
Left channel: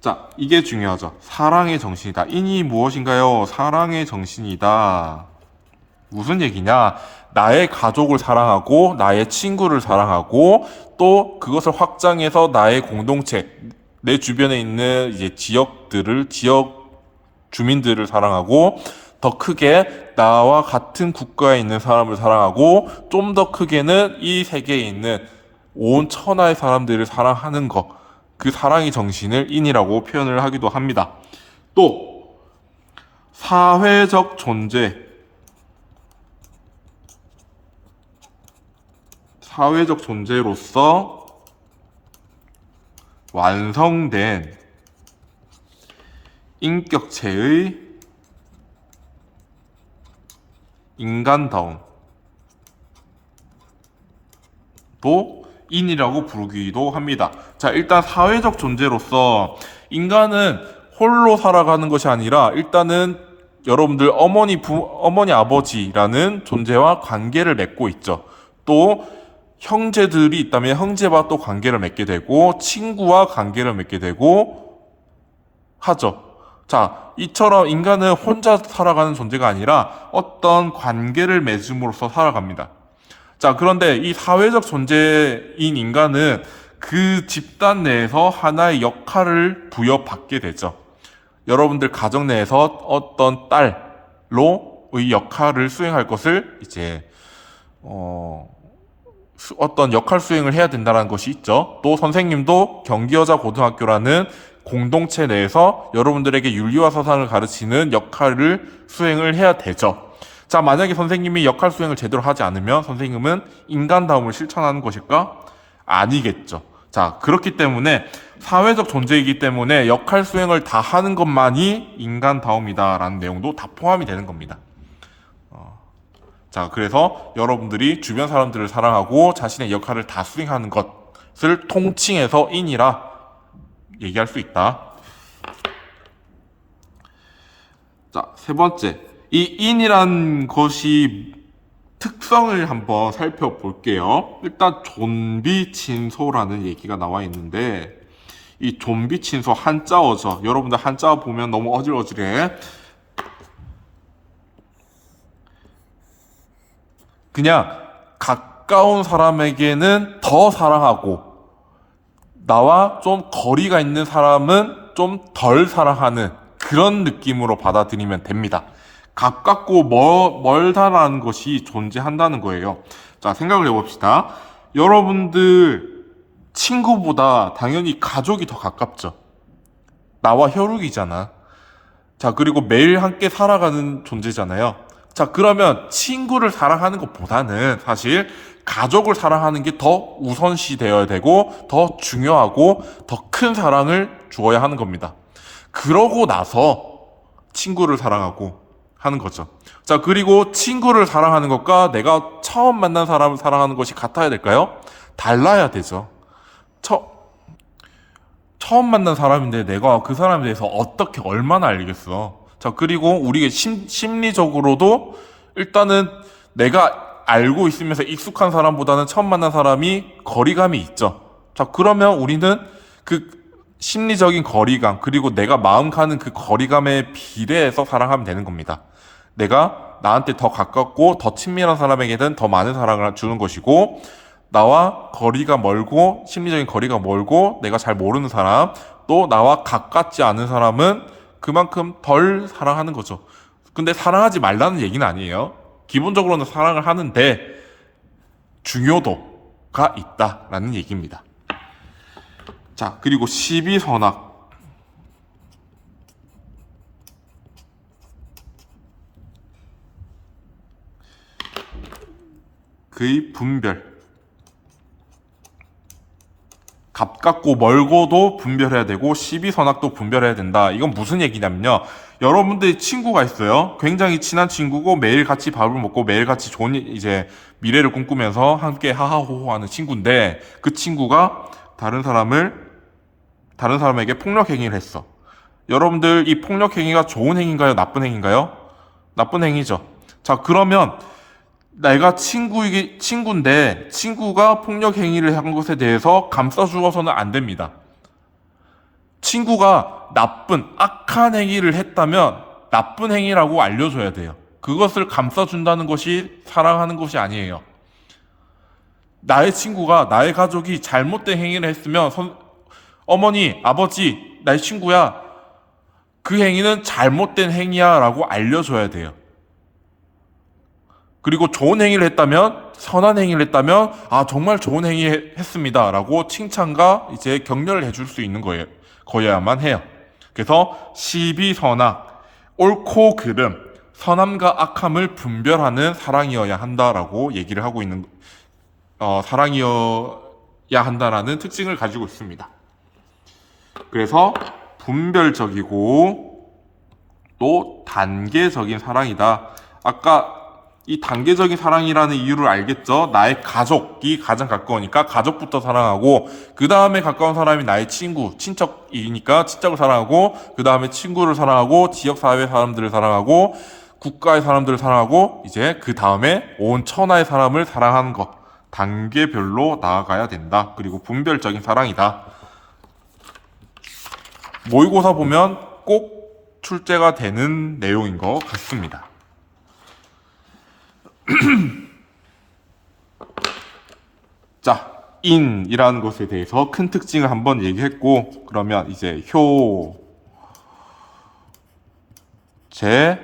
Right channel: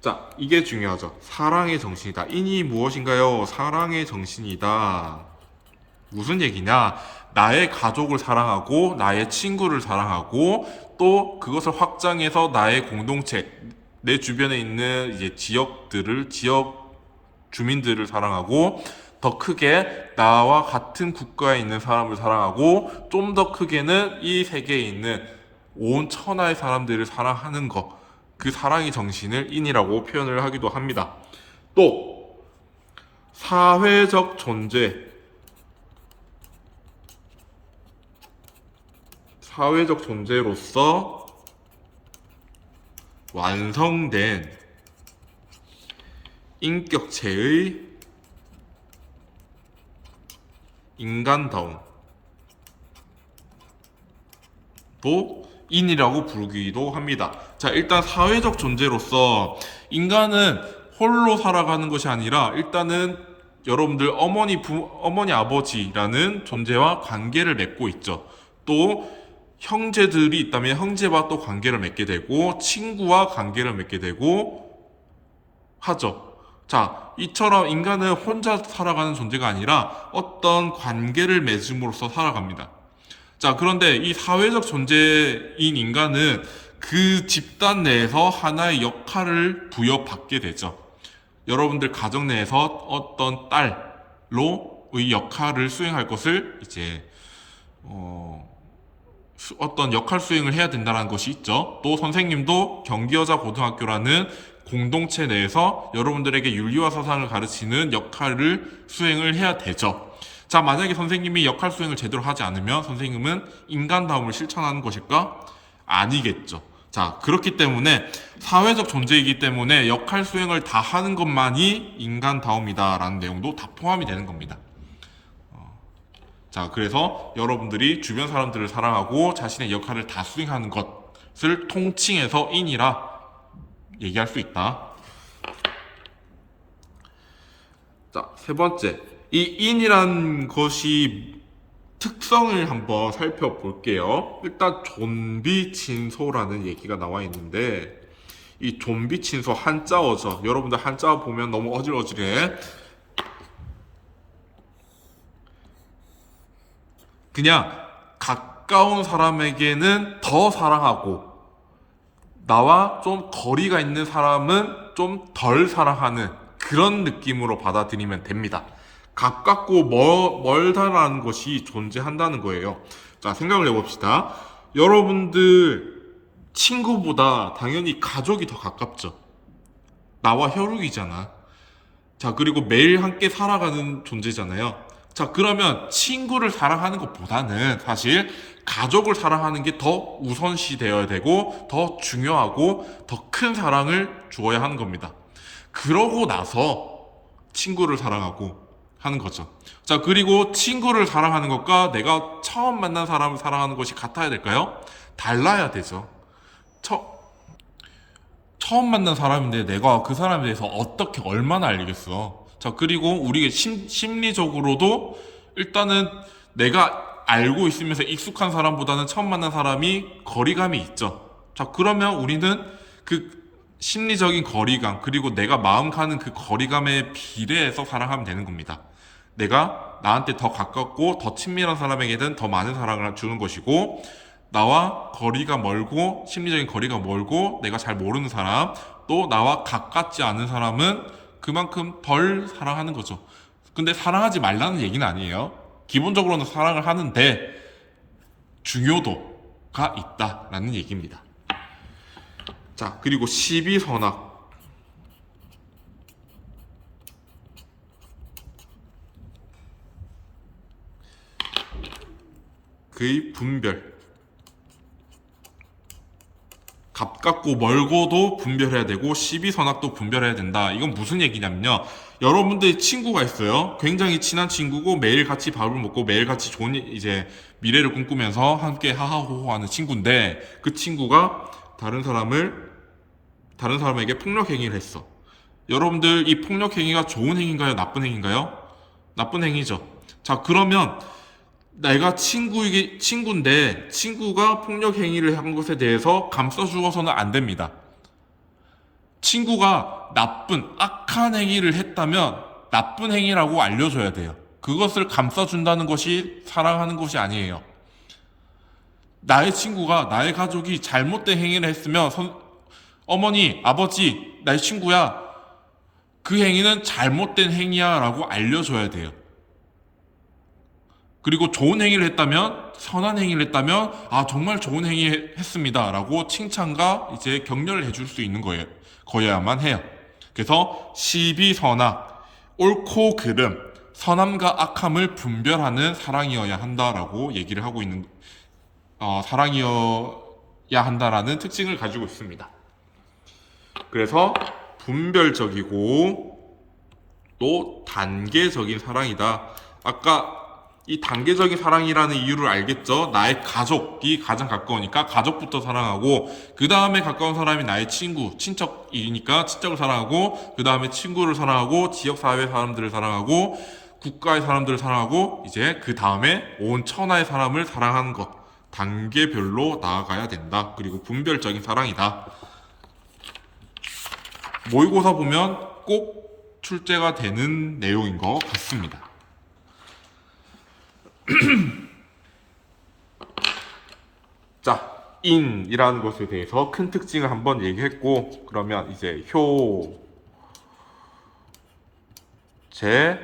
자, 이게 중요하죠. 사랑의 정신이다. 인이 무엇인가요? 사랑의 정신이다. 무슨 얘기냐? 나의 가족을 사랑하고 나의 친구를 사랑하고 또 그것을 확장해서 나의 공동체, 내 주변에 있는 이제 지역 주민들을 사랑하고 더 크게 나와 같은 국가에 있는 사람을 사랑하고 좀 더 크게는 이 세계에 있는 온 천하의 사람들을 사랑하는 것, 그 사랑의 정신을 인이라고 표현을 하기도 합니다. 또 사회적 존재로서 완성된 인격체의 인간다움도 인이라고 부르기도 합니다. 자, 일단 사회적 존재로서 인간은 홀로 살아가는 것이 아니라 일단은 여러분들 어머니 아버지라는 존재와 관계를 맺고 있죠. 또 형제들이 있다면 형제와 또 관계를 맺게 되고 친구와 관계를 맺게 되고 하죠. 자, 이처럼 인간은 혼자 살아가는 존재가 아니라 어떤 관계를 맺음으로써 살아갑니다. 자, 그런데 이 사회적 존재인 인간은 그 집단 내에서 하나의 역할을 부여받게 되죠. 여러분들 가정 내에서 어떤 딸로의 역할을 수행할 것을 이제 어떤 역할 수행을 해야 된다는 것이 있죠. 또 선생님도 경기여자고등학교라는 공동체 내에서 여러분들에게 윤리와 사상을 가르치는 역할을 수행을 해야 되죠. 자, 만약에 선생님이 역할 수행을 제대로 하지 않으면 선생님은 인간다움을 실천하는 것일까? 아니겠죠. 자, 그렇기 때문에 사회적 존재이기 때문에 역할 수행을 다 하는 것만이 인간다움이다라는 내용도 다 포함이 되는 겁니다. 자, 그래서 여러분들이 주변 사람들을 사랑하고 자신의 역할을 다 수행하는 것을 통칭해서 인이라 얘기할 수 있다. 자, 세 번째, 이 인이란 것이 특성을 한번 살펴볼게요. 일단 존비친소라는 얘기가 나와 있는데 이 존비친소 한자어죠. 여러분들 한자어 보면 너무 어질어질해. 그냥 가까운 사람에게는 더 사랑하고 나와 좀 거리가 있는 사람은 좀 덜 사랑하는 그런 느낌으로 받아들이면 됩니다. 가깝고 멀다라는 것이 존재한다는 거예요. 자, 생각을 해봅시다. 여러분들 친구보다 당연히 가족이 더 가깝죠. 나와 혈육이잖아. 자, 그리고 매일 함께 살아가는 존재잖아요. 자, 그러면 친구를 사랑하는 것보다는 사실 가족을 사랑하는 게 더 우선시 되어야 되고 더 중요하고 더 큰 사랑을 주어야 하는 겁니다. 그러고 나서 친구를 사랑하고 하는 거죠. 자, 그리고 친구를 사랑하는 것과 내가 처음 만난 사람을 사랑하는 것이 같아야 될까요? 달라야 되죠. 처음 만난 사람인데 내가 그 사람에 대해서 어떻게 얼마나 알겠어. 자, 그리고 우리 심리적으로도 일단은 내가 알고 있으면서 익숙한 사람보다는 처음 만난 사람이 거리감이 있죠. 자, 그러면 우리는 그 심리적인 거리감, 그리고 내가 마음 가는 그 거리감에 비례해서 사랑하면 되는 겁니다. 내가 나한테 더 가깝고 더 친밀한 사람에게는 더 많은 사랑을 주는 것이고, 나와 거리가 멀고 심리적인 거리가 멀고 내가 잘 모르는 사람, 또 나와 가깝지 않은 사람은 그만큼 덜 사랑하는 거죠. 근데 사랑하지 말라는 얘기는 아니에요. 기본적으로는 사랑을 하는데 중요도가 있다라는 얘기입니다. 자, 그리고 시비선악. 그의 분별. 가깝고 멀고도 분별해야 되고 시비선악도 분별해야 된다. 이건 무슨 얘기냐면요. 여러분들이 친구가 있어요. 굉장히 친한 친구고 매일 같이 밥을 먹고 매일 같이 좋은 이제 미래를 꿈꾸면서 함께 하하호호하는 친구인데 그 친구가 다른 사람에게 폭력 행위를 했어. 여러분들 이 폭력 행위가 좋은 행위인가요? 나쁜 행위인가요? 나쁜 행위죠. 자, 그러면 내가 친구인데 친구가 폭력 행위를 한 것에 대해서 감싸주어서는 안 됩니다. 친구가 악한 행위를 했다면 나쁜 행위라고 알려줘야 돼요. 그것을 감싸준다는 것이 사랑하는 것이 아니에요. 나의 친구가, 나의 가족이 잘못된 행위를 했으면 어머니, 아버지, 나의 친구야, 그 행위는 잘못된 행위야 라고 알려줘야 돼요. 그리고 좋은 행위를 했다면, 선한 행위를 했다면, 아, 정말 좋은 행위 했습니다 라고 칭찬과 이제 격려를 해줄 수 있는 거여야만 해요. 그래서 시비선악, 옳고 그름, 선함과 악함을 분별하는 사랑이어야 한다라고 얘기를 하고 있는, 사랑이어야 한다라는 특징을 가지고 있습니다. 그래서 분별적이고 또 단계적인 사랑이다. 아까 이 단계적인 사랑이라는 이유를 알겠죠? 나의 가족이 가장 가까우니까 가족부터 사랑하고 그 다음에 가까운 사람이 나의 친구, 친척이니까 친척을 사랑하고 그 다음에 친구를 사랑하고 지역사회 사람들을 사랑하고 국가의 사람들을 사랑하고 이제 그 다음에 온 천하의 사람을 사랑하는 것. 단계별로 나아가야 된다. 그리고 분별적인 사랑이다. 모의고사 보면 꼭 출제가 되는 내용인 것 같습니다. 자, 인이라는 것에 대해서 큰 특징을 한번 얘기했고, 그러면 이제 제,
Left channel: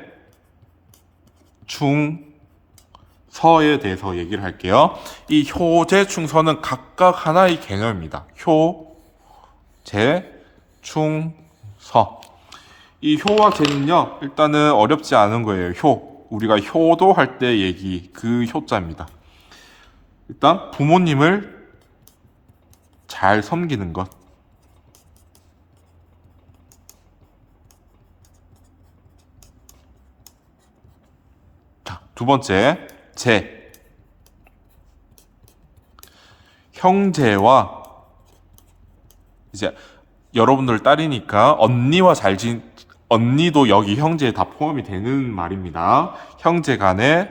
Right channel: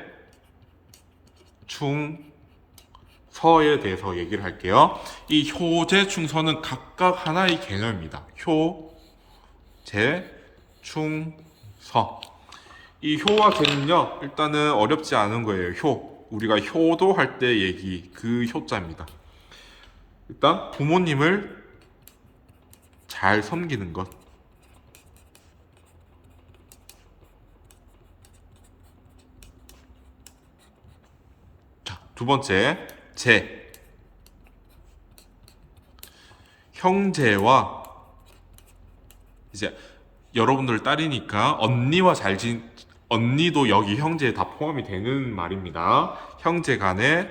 충, 서에 대해서 얘기를 할게요. 이 효제, 충서는 각각 하나의 개념입니다. 제, 충, 서. 이 효와 제는요, 일단은 어렵지 않은 거예요. 우리가 효도할 때 얘기, 그 효자입니다. 일단 부모님을 잘 섬기는 것. 자, 두 번째, 형제와 이제 여러분들 딸이니까 언니도 여기 형제에 다 포함이 되는 말입니다. 형제 간에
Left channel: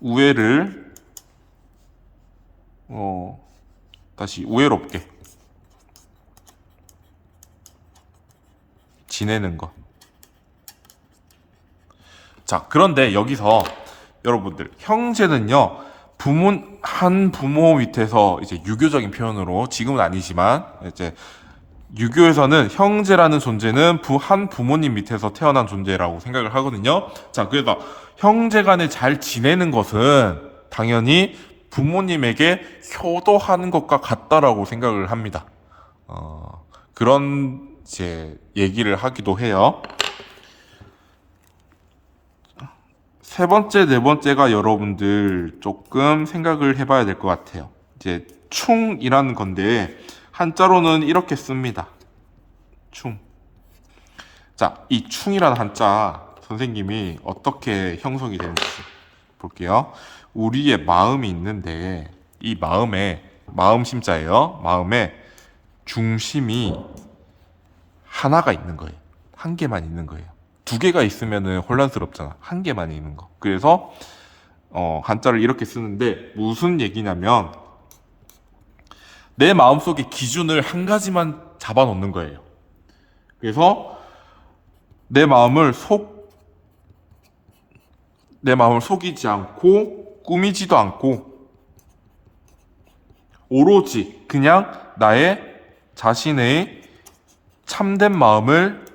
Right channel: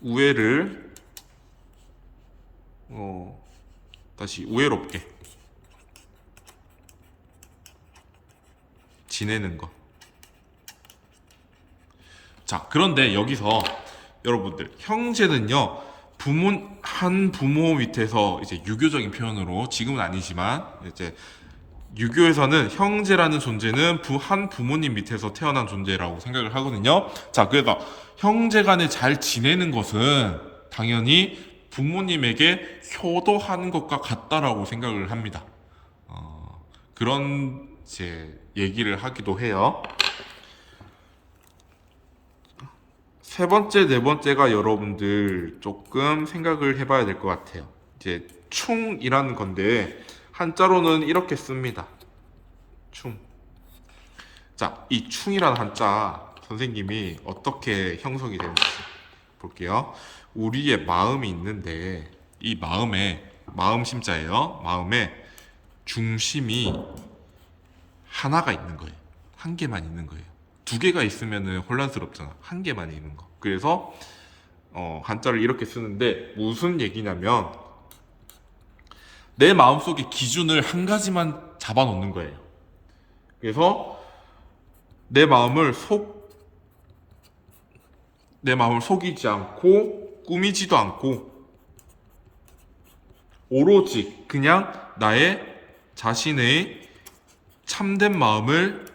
우애를 다시 우애롭게 지내는 것. 자, 그런데 여기서 여러분들 형제는요 한 부모 밑에서 이제 유교적인 표현으로 지금은 아니지만 이제 유교에서는 형제라는 존재는 한 부모님 밑에서 태어난 존재라고 생각을 하거든요. 자, 그래서 형제 간에 잘 지내는 것은 당연히 부모님에게 효도하는 것과 같다라고 생각을 합니다. 그런 이제 얘기를 하기도 해요. 세 번째, 네 번째가 여러분들 조금 생각을 해봐야 될 것 같아요. 이제 충이라는 건데 한자로는 이렇게 씁니다. 충. 자, 이 충이라는 한자 선생님이 어떻게 형성이 되는지 볼게요. 우리의 마음이 있는데 이 마음 심자예요. 마음에 중심이 하나가 있는 거예요. 한 개만 있는 거예요. 두 개가 있으면 혼란스럽잖아. 한 개만 있는 거. 그래서 한자를 이렇게 쓰는데 무슨 얘기냐면 내 마음속의 기준을 한 가지만 잡아놓는 거예요. 그래서 내 마음을 속이지 않고 꾸미지도 않고 오로지 그냥 나의 자신의 참된 마음을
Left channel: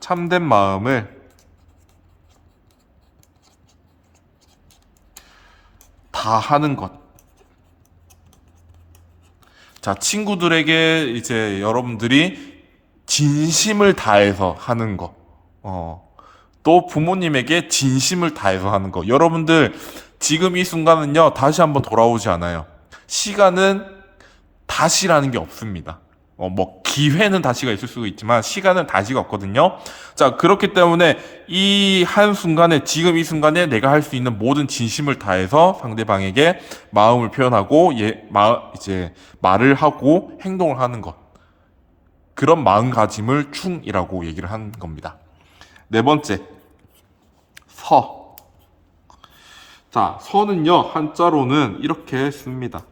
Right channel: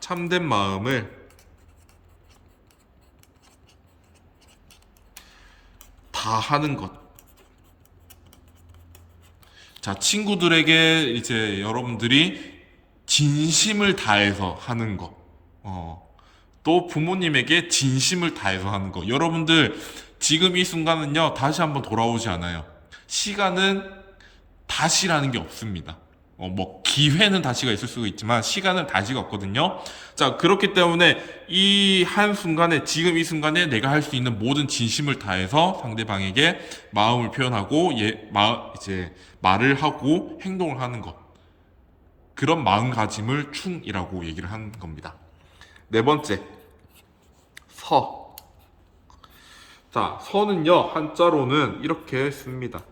참된 마음을 다 하는 것. 자, 친구들에게 이제 여러분들이 진심을 다해서 하는 거. 또 부모님에게 진심을 다해서 하는 거. 여러분들 지금 이 순간은요, 다시 한번 돌아오지 않아요. 시간은 다시라는 게 없습니다. 뭐 기회는 다시가 있을 수가 있지만 시간은 다시가 없거든요. 자, 그렇기 때문에 이 한 순간에, 지금 이 순간에 내가 할 수 있는 모든 진심을 다해서 상대방에게 마음을 표현하고 이제 말을 하고 행동을 하는 것. 그런 마음가짐을 충이라고 얘기를 하는 겁니다. 네 번째, 서. 자, 서는요, 한자로는 이렇게 씁니다.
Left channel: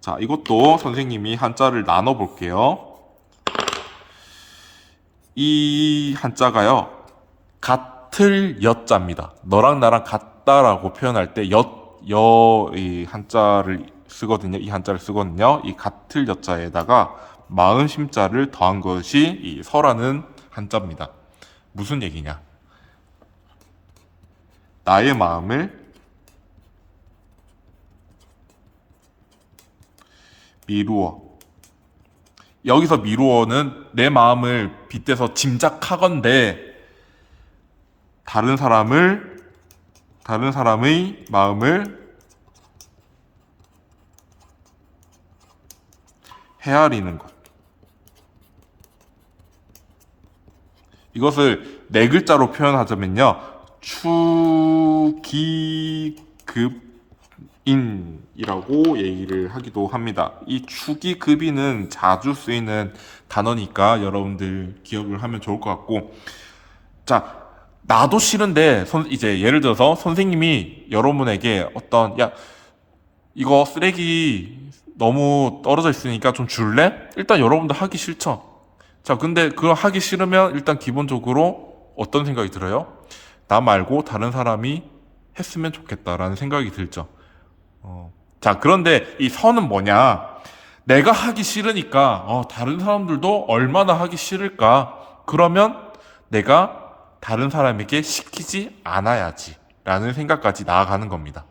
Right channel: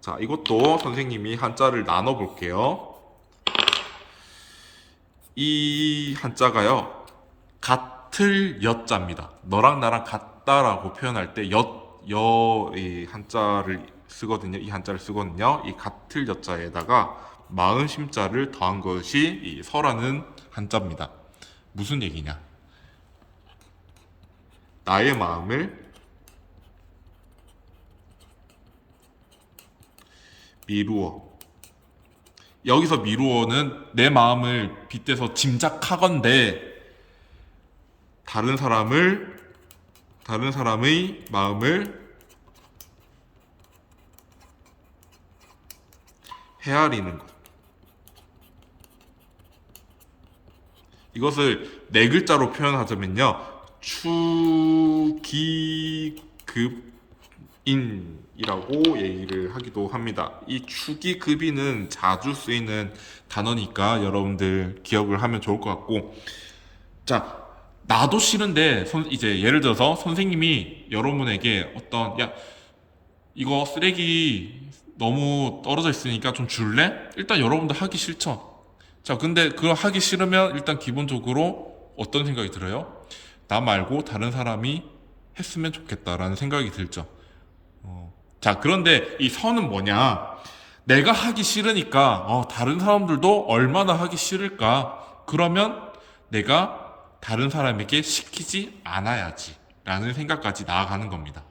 자, 이것도 선생님이 한자를 나눠 볼게요. 이 한자가요, 같을 여자입니다. 너랑 나랑 같다라고 표현할 때 이 한자를 쓰거든요. 이 한자를 쓰거든요. 이 같을 여자에다가 마음 심자를 더한 것이 이 서라는 한자입니다. 무슨 얘기냐? 나의 마음을 미루어. 여기서 미루어는 내 마음을 빗대서 짐작하건대 다른 사람의 마음을 헤아리는 것. 이것을 네 글자로 표현하자면요, 추기급인이라고 얘기를 하기도 합니다. 이 추기급인은 자주 쓰이는 단어니까 여러분들 기억을 하면 좋을 것 같고, 자, 나도 싫은데 이제 예를 들어서 선생님이 여러분에게 야, 이거 쓰레기 너무 떨어져 있으니까 좀 줄래? 일단 여러분들 하기 싫죠. 자, 근데 그거 하기 싫으면 일단 기본적으로 어떤 생각이 들어요? 나 말고 다른 사람이 했으면 좋겠다라는 생각이 들죠. 자, 그런데 이 선은 뭐냐? 내가 하기 싫으니까 다른 사람들도 얼마나 하기 싫을까? 그러면 내가 다른 사람에게 시키지 않아야지 라는 생각까지 나아가는 겁니다.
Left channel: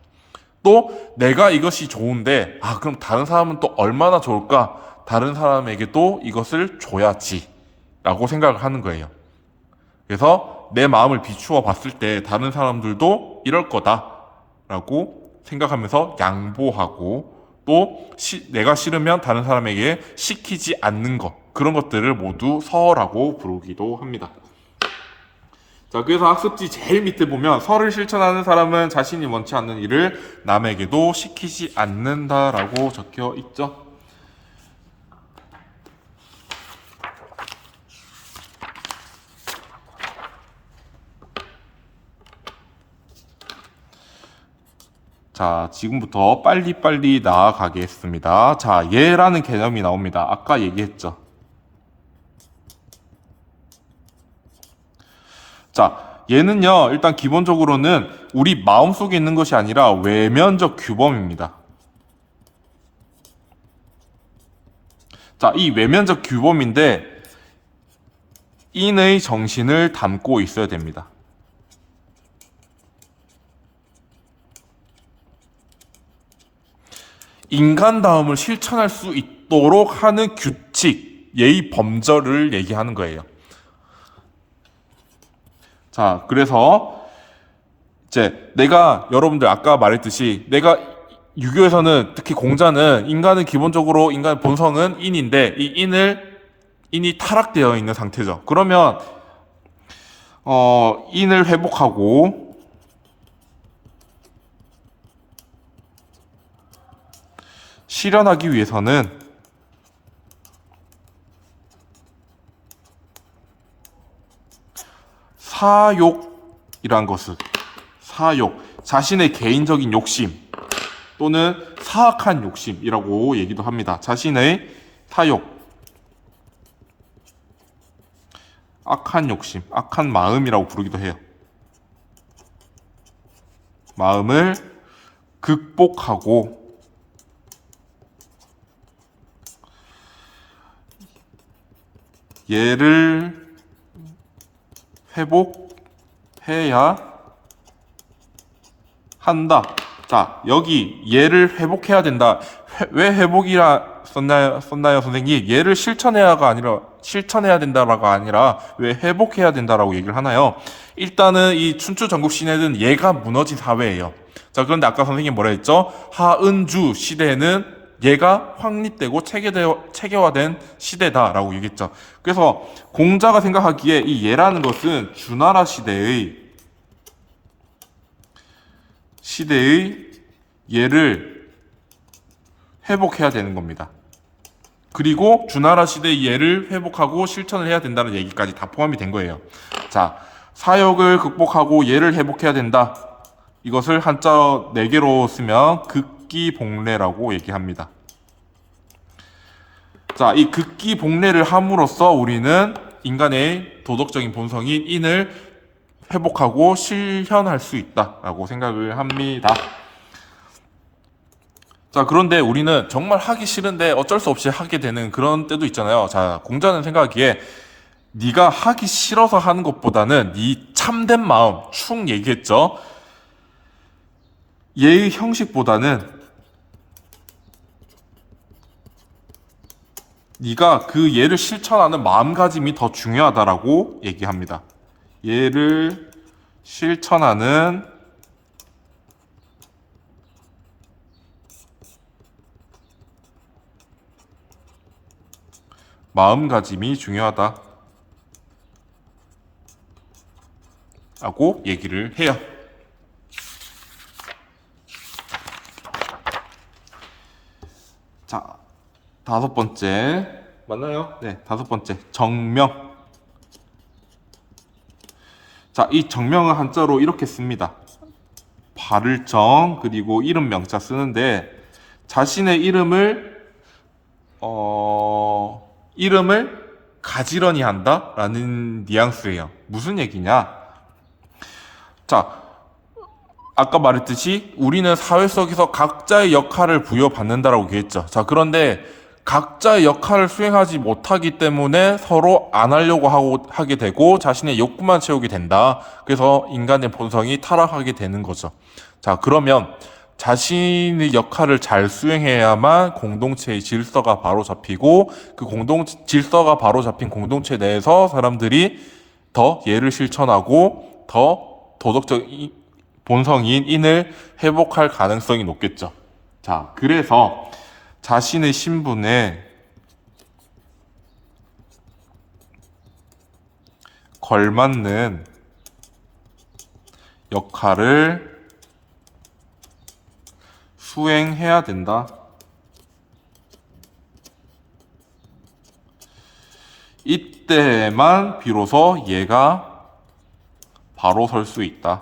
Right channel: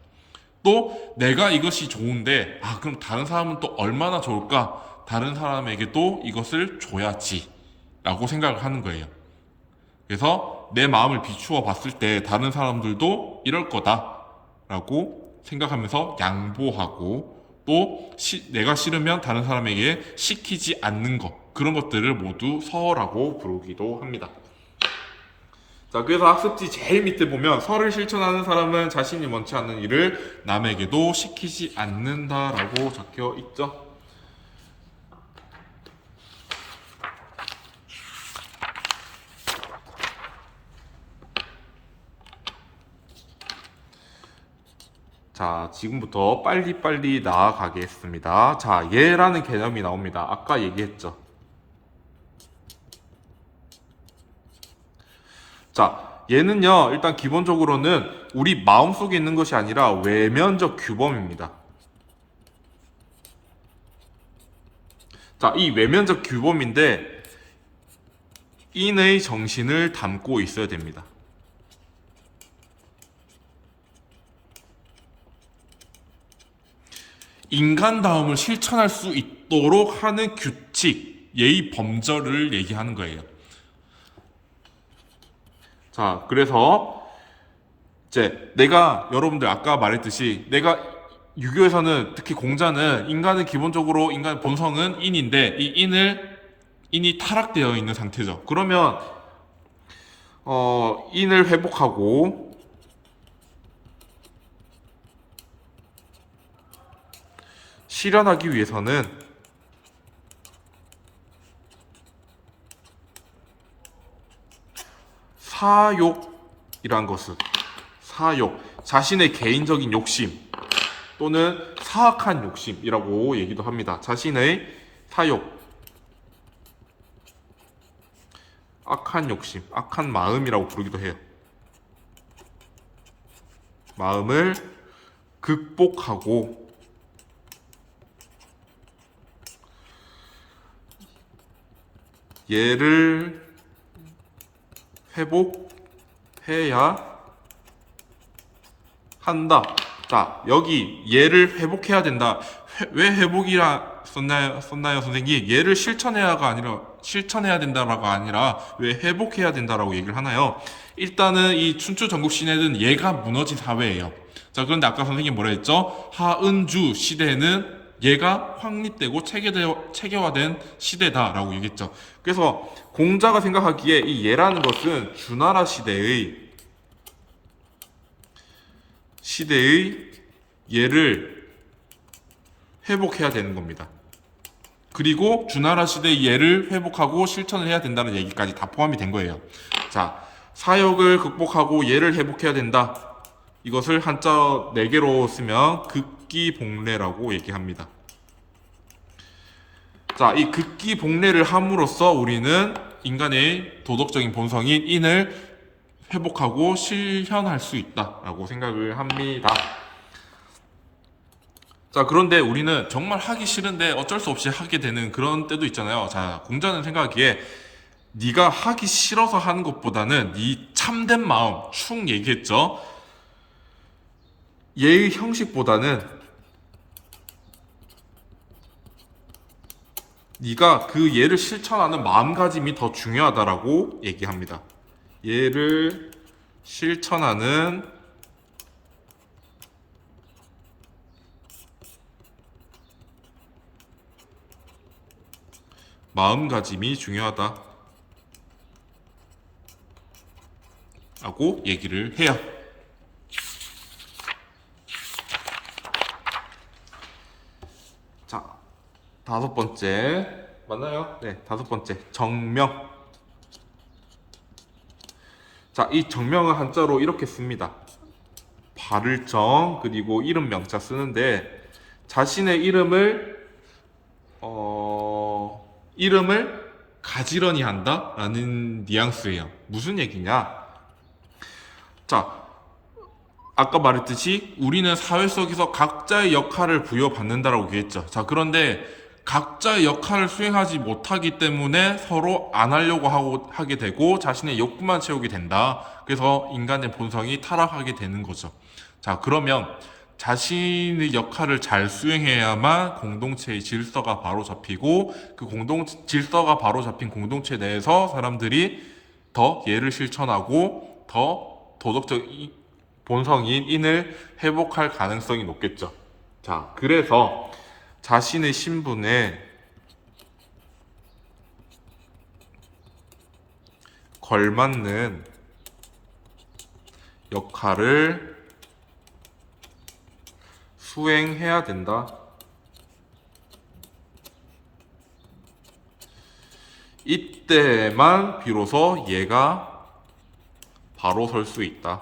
또 내가 이것이 좋은데 그럼 다른 사람은 또 얼마나 좋을까? 다른 사람에게도 이것을 줘야지 라고 생각을 하는 거예요. 그래서 내 마음을 비추어 봤을 때 다른 사람들도 이럴 거다 라고 생각하면서 양보하고, 또 내가 싫으면 다른 사람에게 시키지 않는 것, 그런 것들을 모두 서라고 부르기도 합니다. 자, 그래서 학습지 제일 밑에 보면 서를 실천하는 사람은 자신이 원치 않는 일을 남에게도 시키지 않는다라고 적혀 있죠. 자, 지금부터 빨리빨리 나아가겠습니다. 자, 예라는 개념이 나옵니다. 아까 얘기했죠. 자, 얘는요, 일단 기본적으로는 우리 마음속에 있는 것이 아니라 외면적 규범입니다. 자, 이 외면적 규범인데 인의 정신을 담고 있어야 됩니다. 인간다움을 실천할 수 있도록 하는 규칙, 예의 범절을 얘기하는 거예요. 자, 그래서 이제 여러분들 아까 말했듯이 유교에서는 특히 공자는 인간은 기본적으로 인간의 본성은 인인데 이 인이 타락되어 있는 상태죠. 그러면 인을 회복하고 실현하기 위해서는 사욕이란 것을, 자신의 개인적인 욕심 또는 사악한 욕심이라고 얘기도 합니다. 자신의 사욕, 악한 욕심, 악한 마음이라고 부르기도 해요. 마음을 극복하고 얘를 회복해야 한다. 자, 여기 얘를 회복해야 된다. 왜 회복이라 썼나요, 선생님? 얘를 실천해야 된다라가 아니라 왜 회복해야 된다라고 얘기를 하나요? 일단은 이 춘추 전국 시대는 얘가 무너진 사회예요. 자, 그런데 아까 선생님 뭐라 했죠? 하은주 시대는 얘가 확립되고 체계화된 시대다라고 얘기했죠. 그래서 공자가 생각하기에 이 얘라는 것은 주나라 시대의 얘를 회복해야 되는 겁니다. 그리고 주나라 시대의 얘를 회복하고 실천을 해야 된다는 얘기까지 다 포함이 된 거예요. 자, 사역을 극복하고 얘를 회복해야 된다. 이것을 한자 4개로 쓰면 극기복례라고 얘기합니다. 자, 이 극기복례를 함으로써 우리는 인간의 도덕적인 본성인 인을 회복하고 실현할 수 있다라고 생각을 합니다. 자, 그런데 우리는 정말 하기 싫은데 어쩔 수 없이 하게 되는 그런 때도 있잖아요. 자, 공자는 생각하기에 네가 하기 싫어서 하는 것보다는 네 참된 마음, 충 얘기했죠. 얘의 형식보다는 네가 그 얘를 실천하는 마음가짐이 더 중요하다라고 얘기합니다. 얘를 실천하는 마음가짐이 중요하다 라고 얘기를 해요. 자, 5번째 맞나요? 네, 5번째 정명. 자, 이 정명을 한자로 이렇게 씁니다. 발을 정 그리고 이름 명자 쓰는데 자신의 이름을 가지런히 한다라는 뉘앙스예요. 무슨 얘기냐? 자, 아까 말했듯이 우리는 사회 속에서 각자의 역할을 부여받는다라고 얘기했죠. 자, 그런데 각자의 역할을 수행하지 못하기 때문에 서로 안 하려고 하게 되고 자신의 욕구만 채우게 된다. 그래서 인간의 본성이 타락하게 되는 거죠. 자, 그러면 자신의 역할을 잘 수행해야만 공동체의 질서가 바로 잡히고 그 질서가 바로 잡힌 공동체 내에서 사람들이 더 예를 실천하고 더 도덕적 본성인 인을 회복할 가능성이 높겠죠. 자, 그래서 자신의 신분에 걸맞는 역할을 수행해야 된다. 이때만 비로소 얘가 바로 설 수 있다.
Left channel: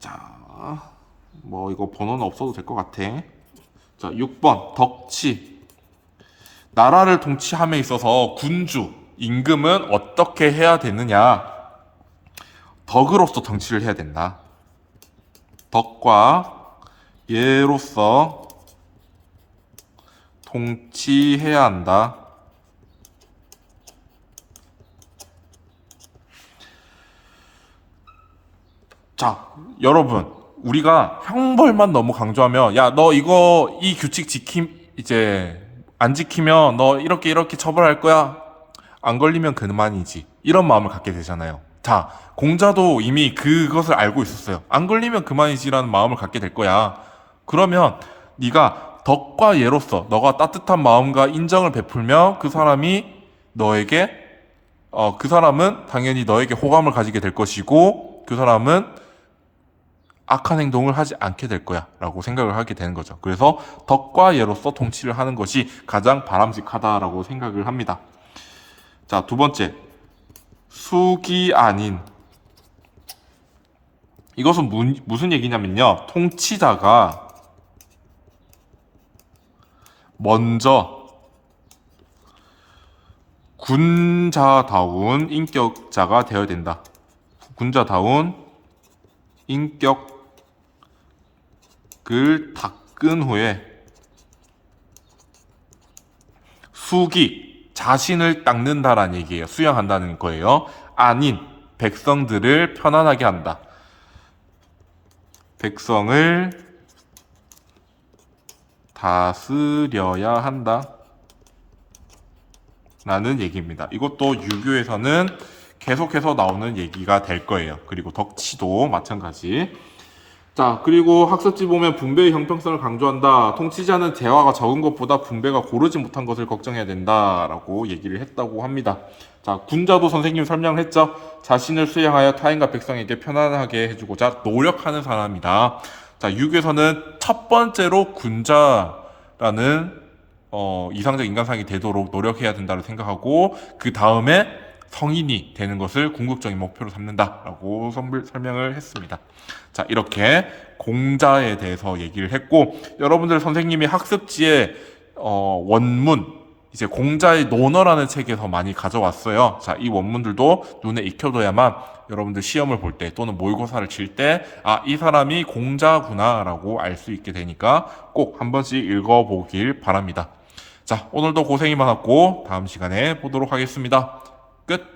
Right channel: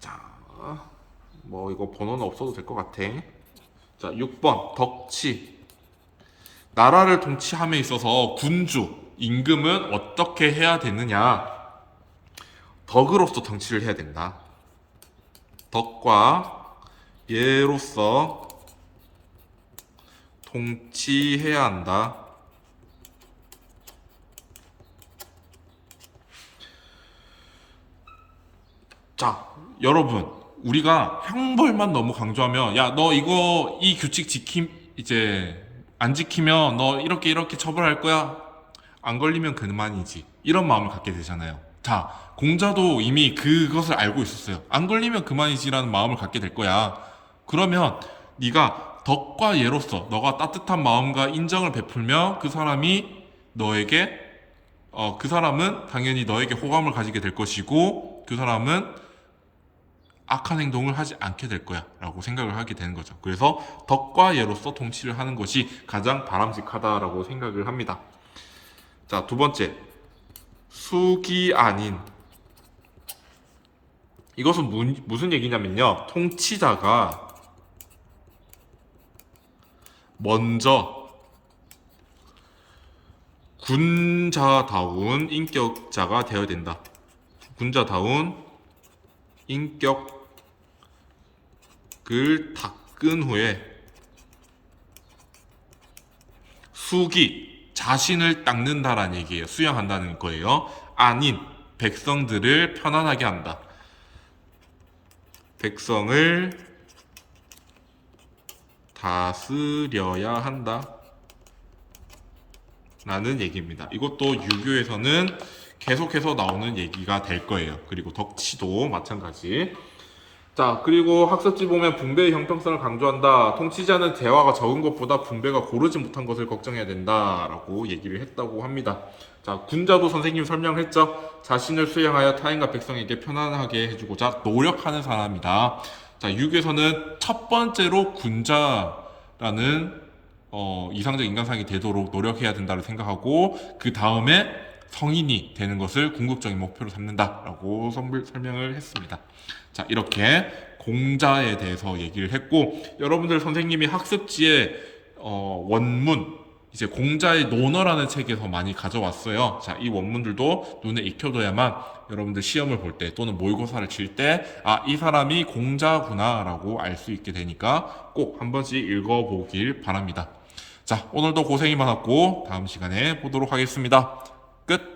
자, 뭐 이거 번호는 없어도 될 것 같아. 자, 6번 덕치. 나라를 통치함에 있어서 군주, 임금은 어떻게 해야 되느냐? 덕으로서 통치를 해야 된다. 덕과 예로서 통치해야 한다. 자, 여러분, 우리가 형벌만 너무 강조하면, 야, 너 이 규칙 이제 안 지키면 너 이렇게 처벌할 거야. 안 걸리면 그만이지. 이런 마음을 갖게 되잖아요. 자, 공자도 이미 그것을 알고 있었어요. 안 걸리면 그만이지라는 마음을 갖게 될 거야. 그러면 네가 덕과 예로서 너가 따뜻한 마음과 인정을 베풀면 그 사람이 너에게 그 사람은 당연히 너에게 호감을 가지게 될 것이고 그 사람은 악한 행동을 하지 않게 될 거야 라고 생각을 하게 되는 거죠. 그래서 덕과 예로서 통치를 하는 것이 가장 바람직하다라고 생각을 합니다. 자, 2번째 숙이 아닌. 이것은 무슨 얘기냐면요, 통치자가 먼저 군자다운 인격자가 되어야 된다. 군자다운 인격을 닦은 후에 수기, 자신을 닦는다라는 얘기예요. 수양한다는 거예요. 아닌 백성들을 편안하게 한다. 백성을 다스려야 한다. 라는 얘기입니다. 이것도 유교에서는 계속해서 나오는 얘기가 될 거예요. 그리고 덕치도 마찬가지. 자, 그리고 학습지 보면 분배의 형평성을 강조한다. 통치자는 재화가 적은 것보다 분배가 고르지 못한 것을 걱정해야 된다라고 얘기를 했다고 합니다. 자, 군자도 선생님 설명을 했죠. 자신을 수양하여 타인과 백성에게 편안하게 해주고자 노력하는 사람이다. 자, 유교에서는 첫 번째로 군자라는 이상적 인간상이 되도록 노력해야 된다고 생각하고, 그 다음에 성인이 되는 것을 궁극적인 목표로 삼는다라고 설명을 했습니다. 자, 이렇게 공자에 대해서 얘기를 했고, 여러분들 선생님이 학습지에 원문, 이제 공자의 논어라는 책에서 많이 가져왔어요. 자, 이 원문들도 눈에 익혀둬야만 여러분들 시험을 볼 때 또는 모의고사를 칠 때, 아, 이 사람이 공자구나 라고 알 수 있게 되니까 꼭 한 번씩 읽어보길 바랍니다. 자, 오늘도 고생이 많았고 다음 시간에 보도록 하겠습니다. 끝!